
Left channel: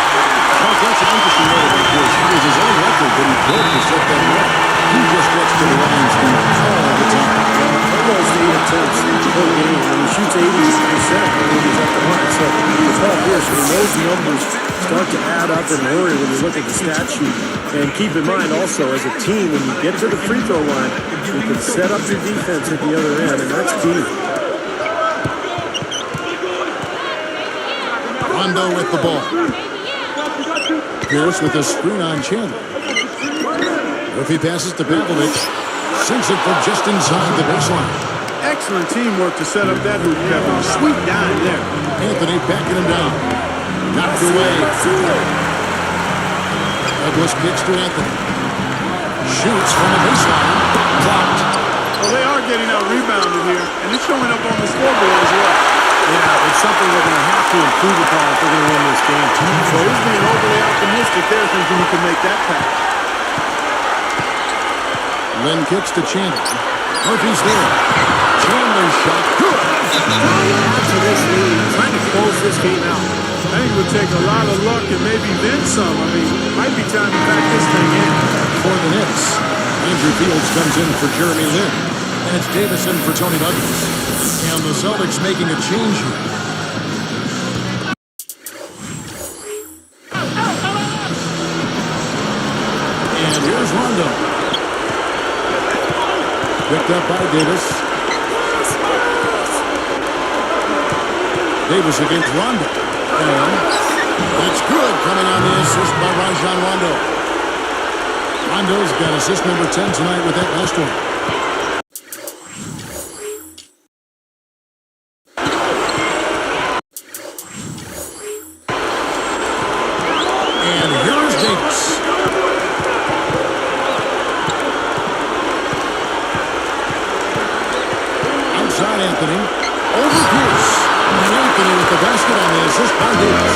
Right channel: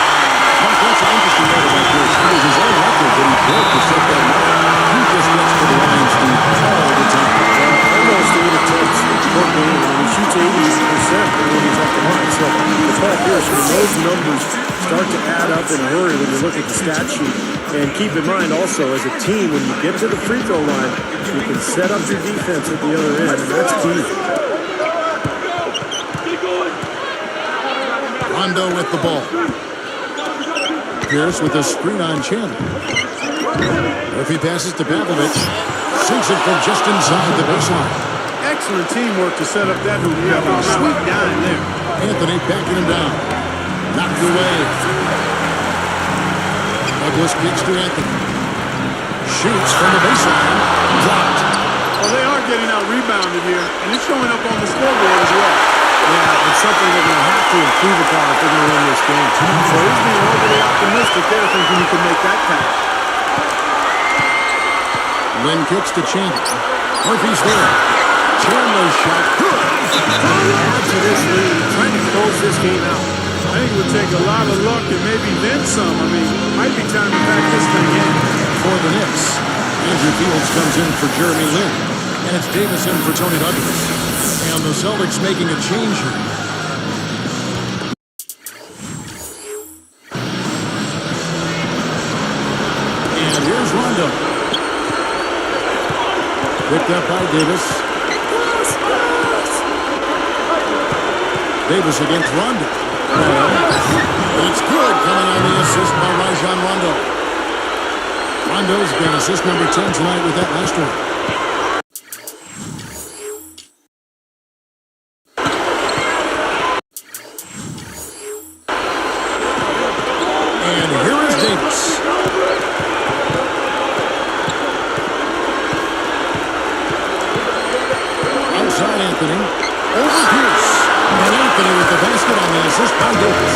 Mark, that's an interesting note about this. It was his own record that he broke to set that mark. He just gets to the lines all the time. Well, almost 8 attempts per game, and he shoots 80% when he's at the line. So for Paul Pierce, I mean, those numbers start to add up in a hurry when you look at the stat sheet. And keep in mind also, as a team, when you get to the free throw line, you can set up your defense at the other end, and that's key. Rondo with the ball. Pierce with a screen on Chandler. Murphy passes to Pavlovich. Sinks it from just inside the baseline. Excellent teamwork to set up that hoop, Kevin. Sweet dime there. Anthony backing him down. Knocked away. Douglas kicks to Anthony. Shoots from the baseline. Blocked. Well, they are getting out rebounded here, and it's showing up on the scoreboard as well. Yeah, it's something they're going to have to improve upon if they're going to win this game. So he's being overly optimistic there, thinking he can make that pass. Lynn kicks to Chandler. Murphy's there. Chandler's shot. Good. Add to this lead, trying to close this game out. I think it would take a lot of luck and maybe then some. I mean, might be time to back this thing in. For the Knicks, Andrew Fields comes in for Jeremy Lin. And it's Davis in for Tony Douglas. And the Celtics making a change here. Rondo. Picked up by Davis. Davis against Rondo. And it's good, coming on the assist by Rajon Rondo. Rondo's got assist number 10 tonight with that last one. And here is Davis. Outside Anthony. Over Pierce. And Anthony with the basket on the assist by Davis.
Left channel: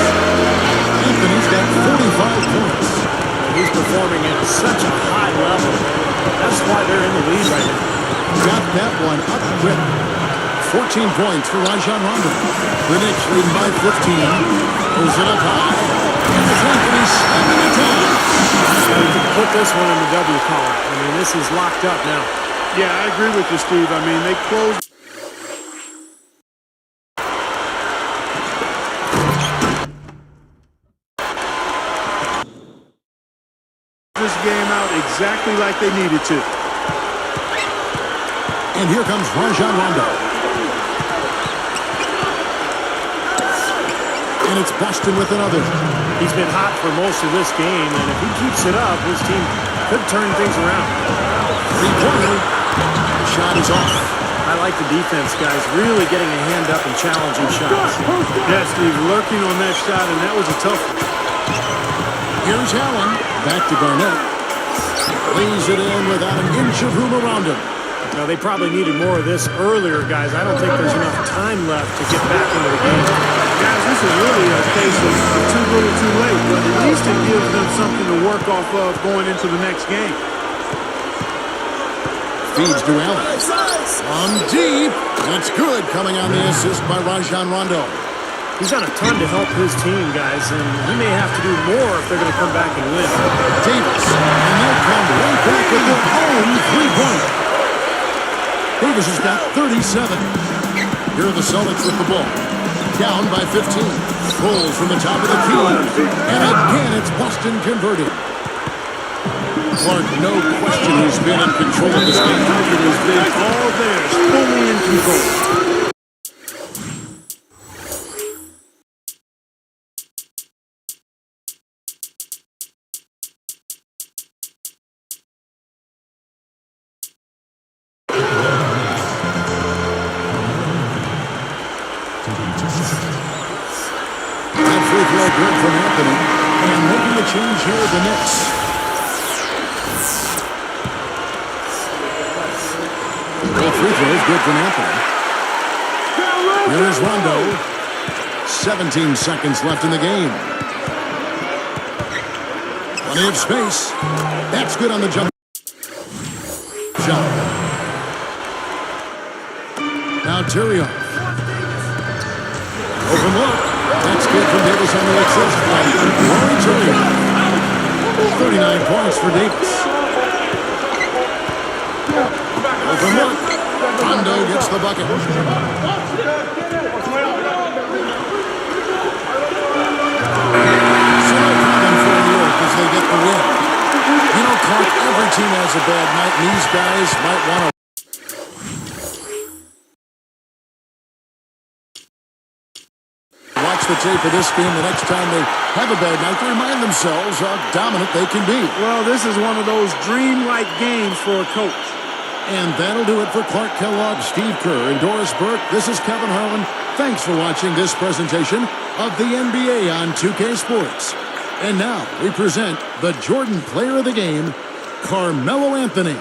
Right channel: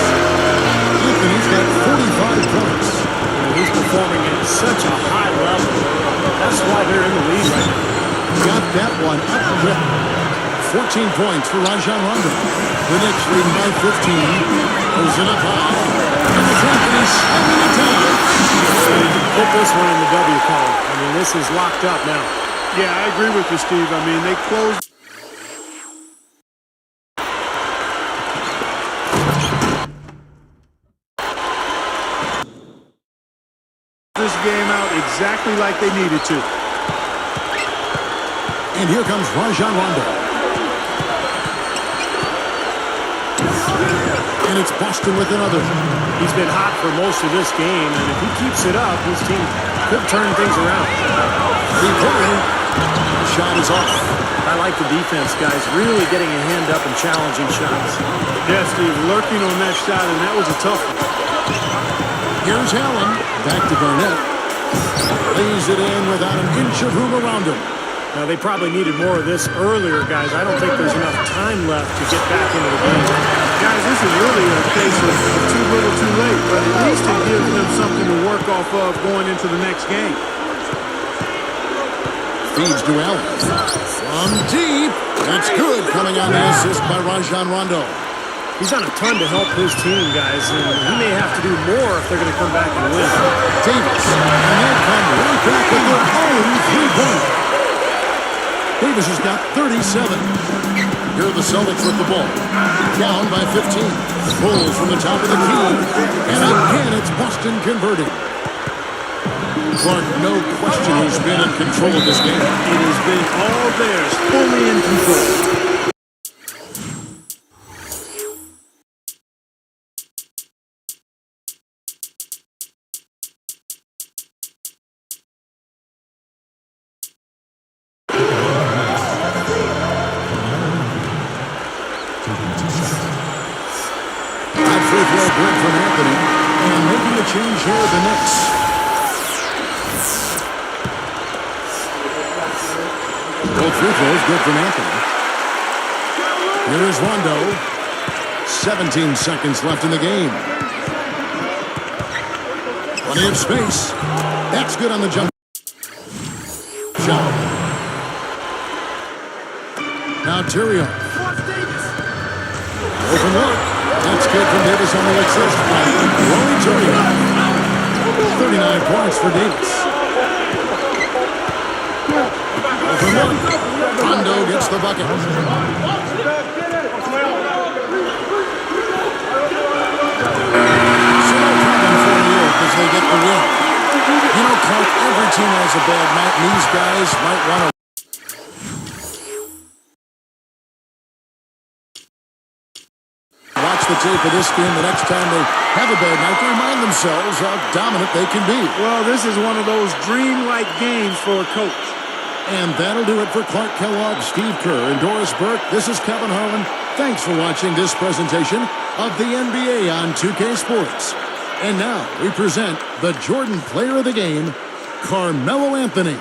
Anthony's got 45 points. And he's performing at such a high level. That's why they're in the lead right now. Got that one up quick. 14 points for Rajon Rondo. The Knicks leading by 15. Throws it up high. And it's Anthony slamming it down. You can put this one in the W column. I mean, this is locked up now. Yeah, I agree with you, Steve. I mean, they closed this game out exactly like they needed to. And here comes Rajon Rondo. And it's Boston with another. He's been hot for most of this game, and if he keeps it up, his team could turn things around. Three-pointer. The shot is off. I like the defense, guys, really getting a hand up and challenging shots. Yeah, Steve, lurking on that shot, and that was a tough one. Here's Allen. Back to Garnett. Lays it in without an inch of room around him. Now, they probably needed more of this earlier, guys. I don't think there's enough time left to get back into the game. Guys, this is really a case of too little too late, but at least it gives them something to work off of going into the next game. Feeds to Allen. From deep. That's good, coming on the assist by Rajon Rondo. He's done a ton to help his team, guys, and he may have to do more if they're going to come back and win. Davis. And they come right back with their own three-pointer. Davis has got 37. Here are the Celtics with the ball. Down by 15. Pulls from the top of the key. And again, it's Boston converting. Clark, no question he's been in control of this game. It has been all theirs, fully in control. That free throw good from Anthony. And making the change here, the Knicks. Both free throws good from Anthony. Here is Rondo. 17 seconds left in the game. Plenty of space. That's good on the jump shot. Now Tyrion. Open look. That's good from Davis on the assist by Rory Tyrion. 39 points for Davis. Open look. Rondo gets the bucket. So no problem for New York as they get the win. You know, Clark, every team has a bad night, and these guys might want to watch the tape of this game the next time they have a bad night to remind themselves how dominant they can be. Well, this is one of those dreamlike games for a coach. And that'll do it for Clark Kellogg, Steve Kerr, and Doris Burke. This is Kevin Harlan. Thanks for watching this presentation of the NBA on 2K Sports. And now we present the Jordan Player of the Game, Carmelo Anthony.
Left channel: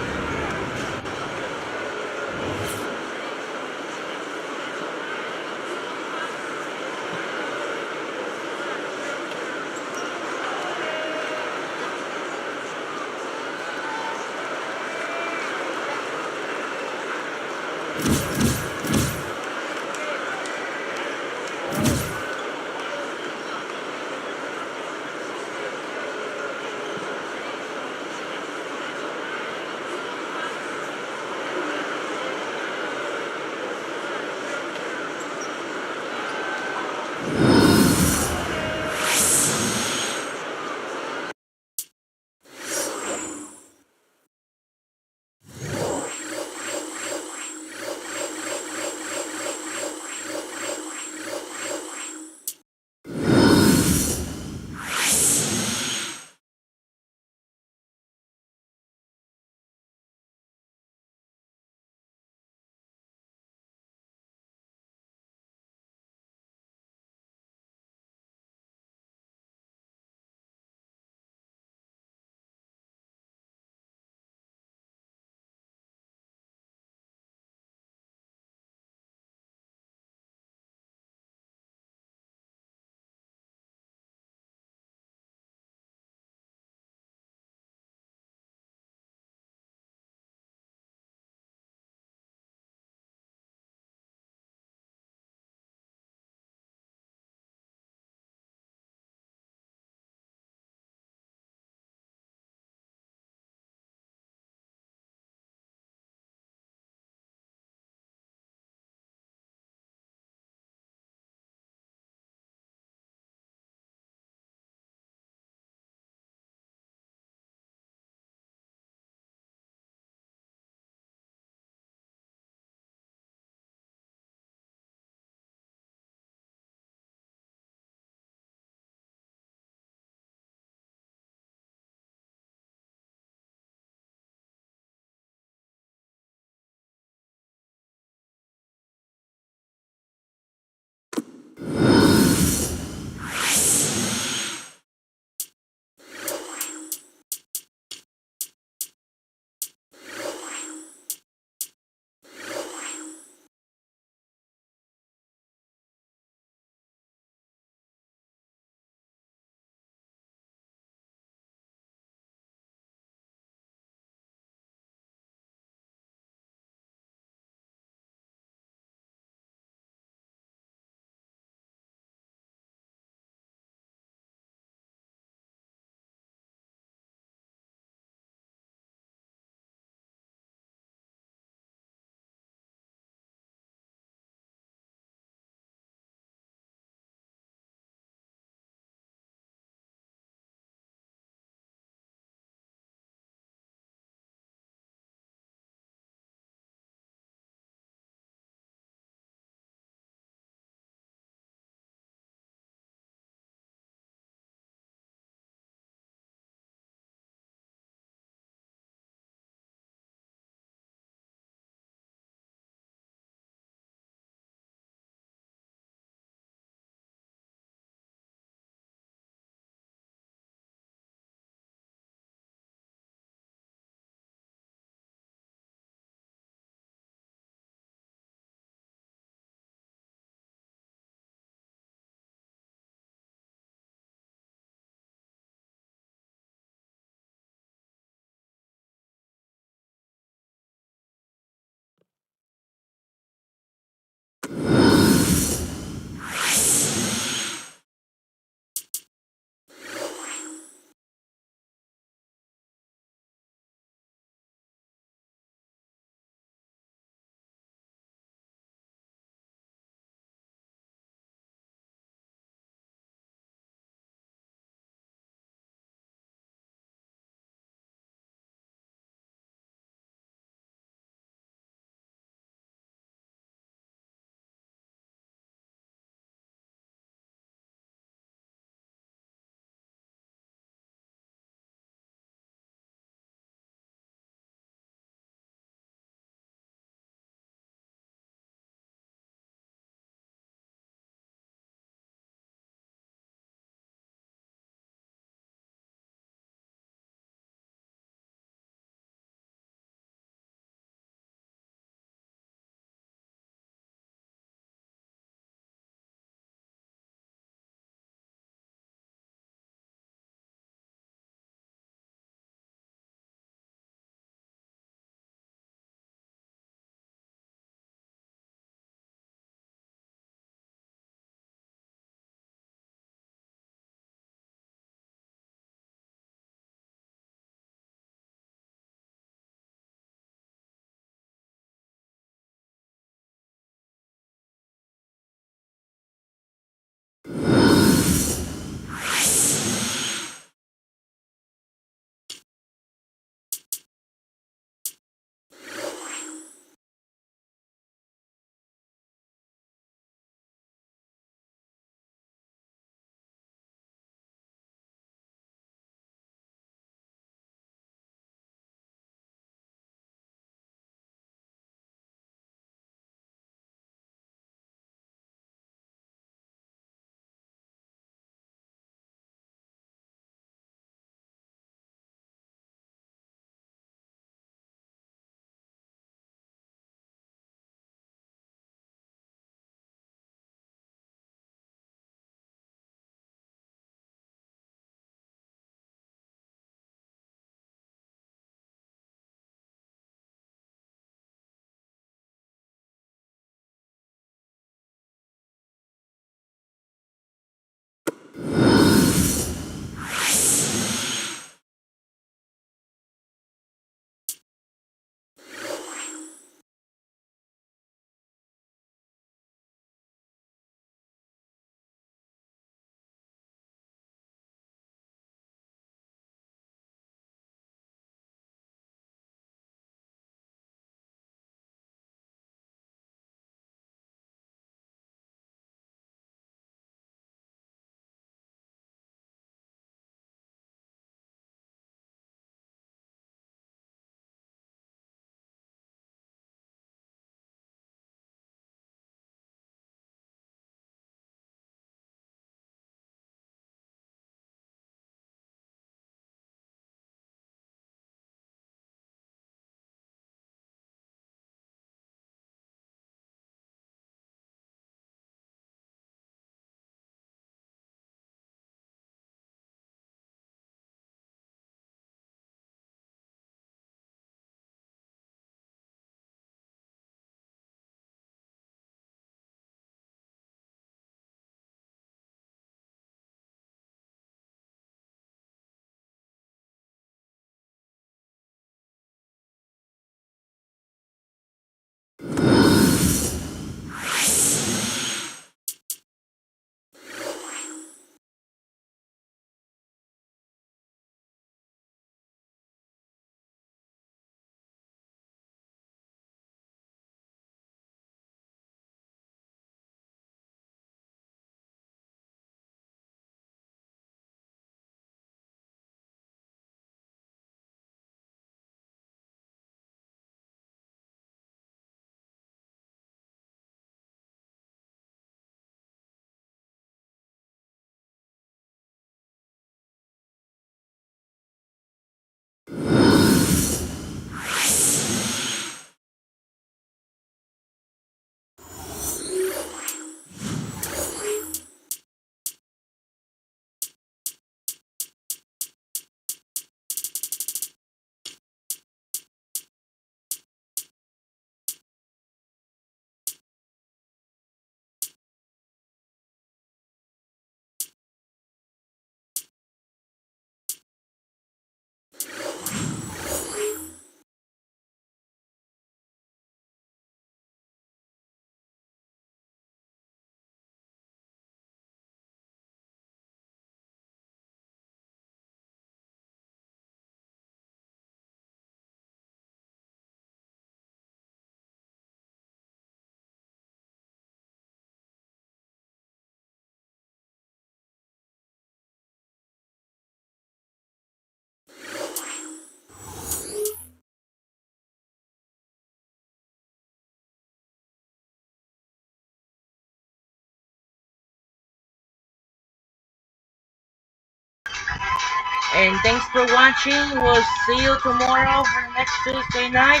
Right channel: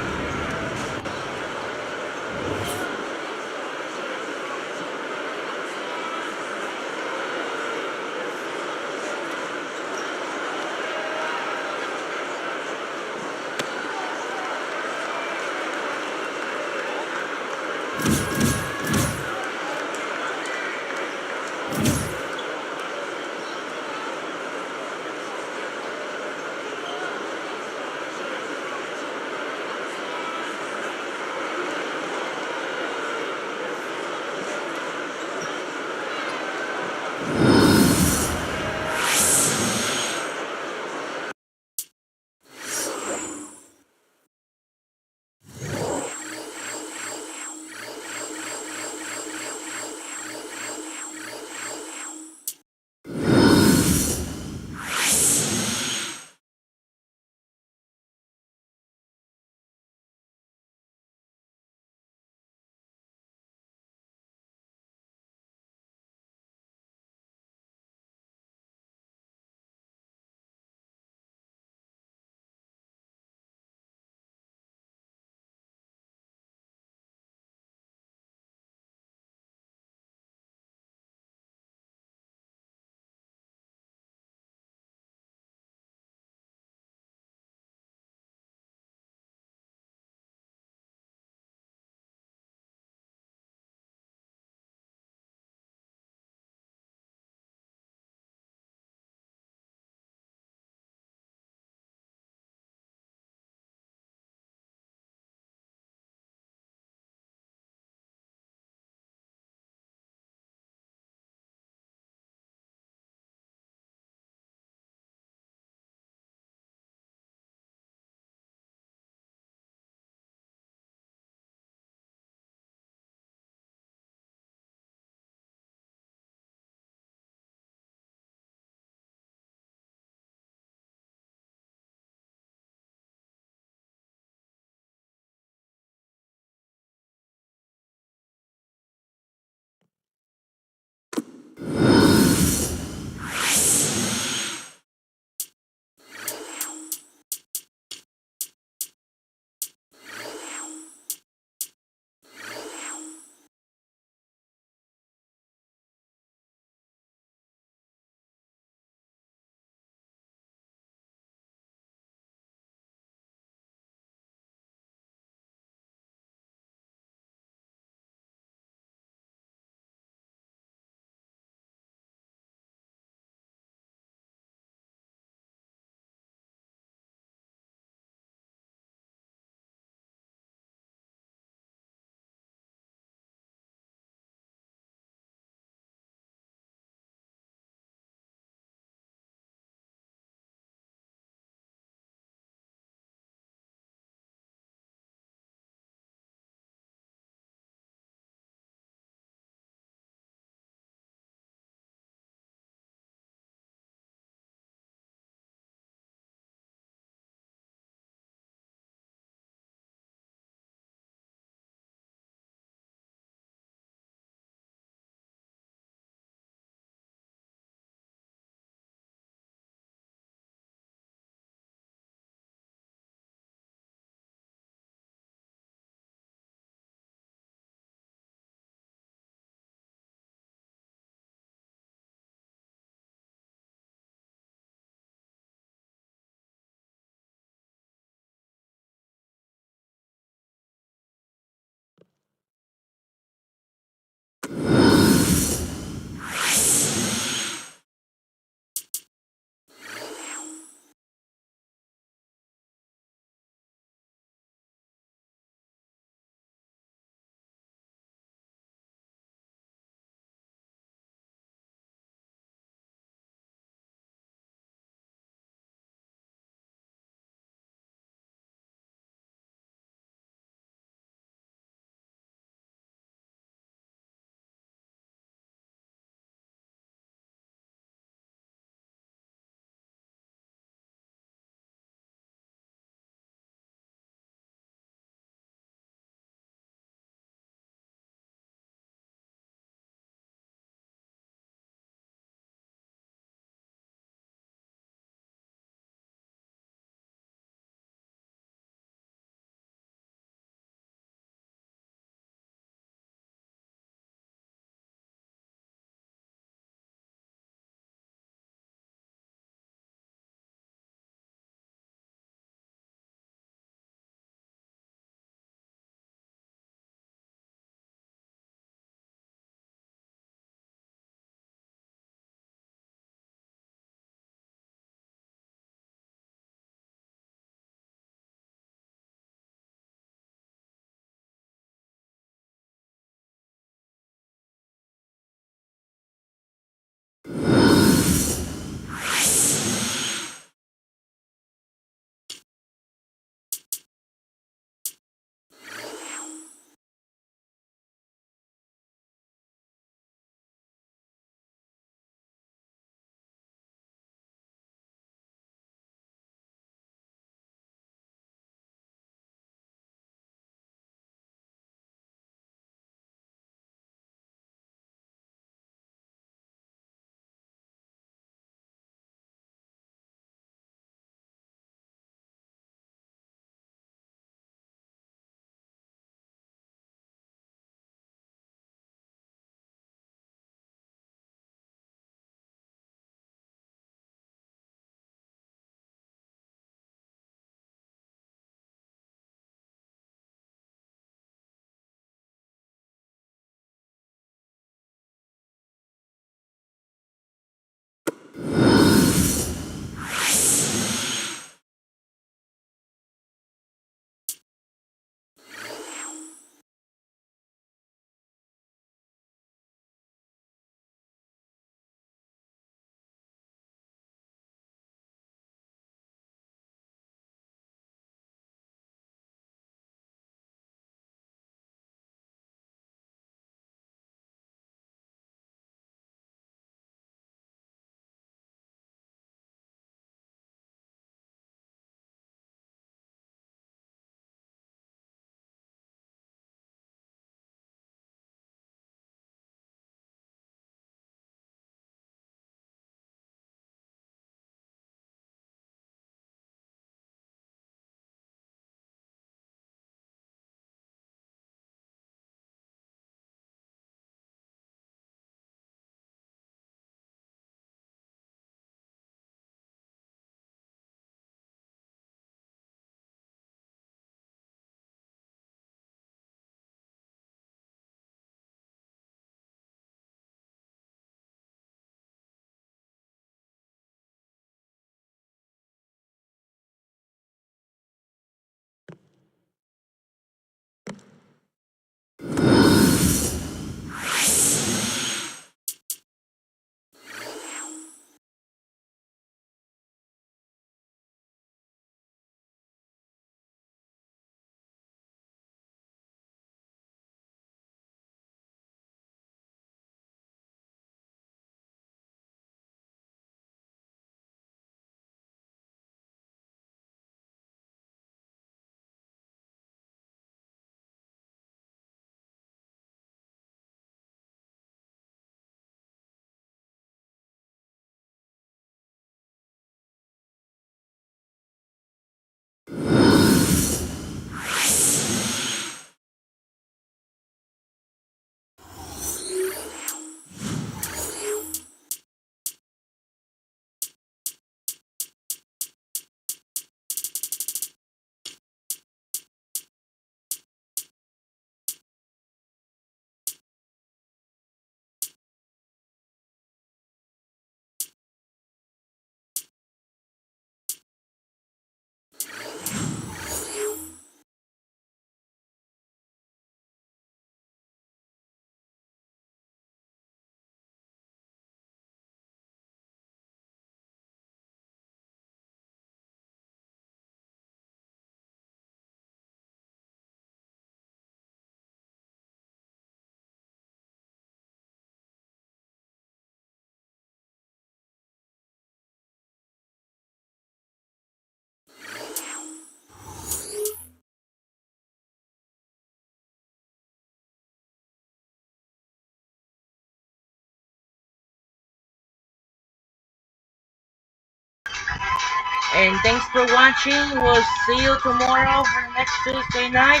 And thanks for watching. We'll see you tomorrow for the next Tuesday night.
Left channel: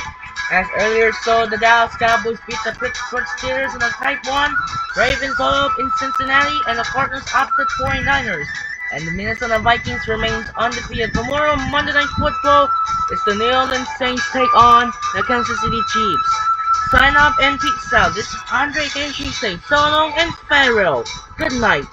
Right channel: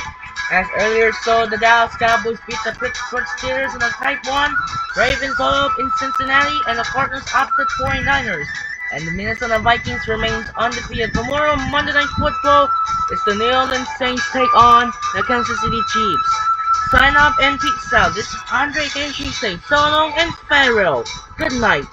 As earlier saw, the Dallas Cowboys beat the Pittsburgh Steelers in a tight one. Ravens up in Cincinnati, and the Cardinals upset 49ers. And the Minnesota Vikings remains undefeated. Tomorrow, Monday Night Football, is the New Orleans Saints take on the Kansas City Chiefs. Sign up and peace out. This is Andre Kenshi saying so long and farewell. Good night.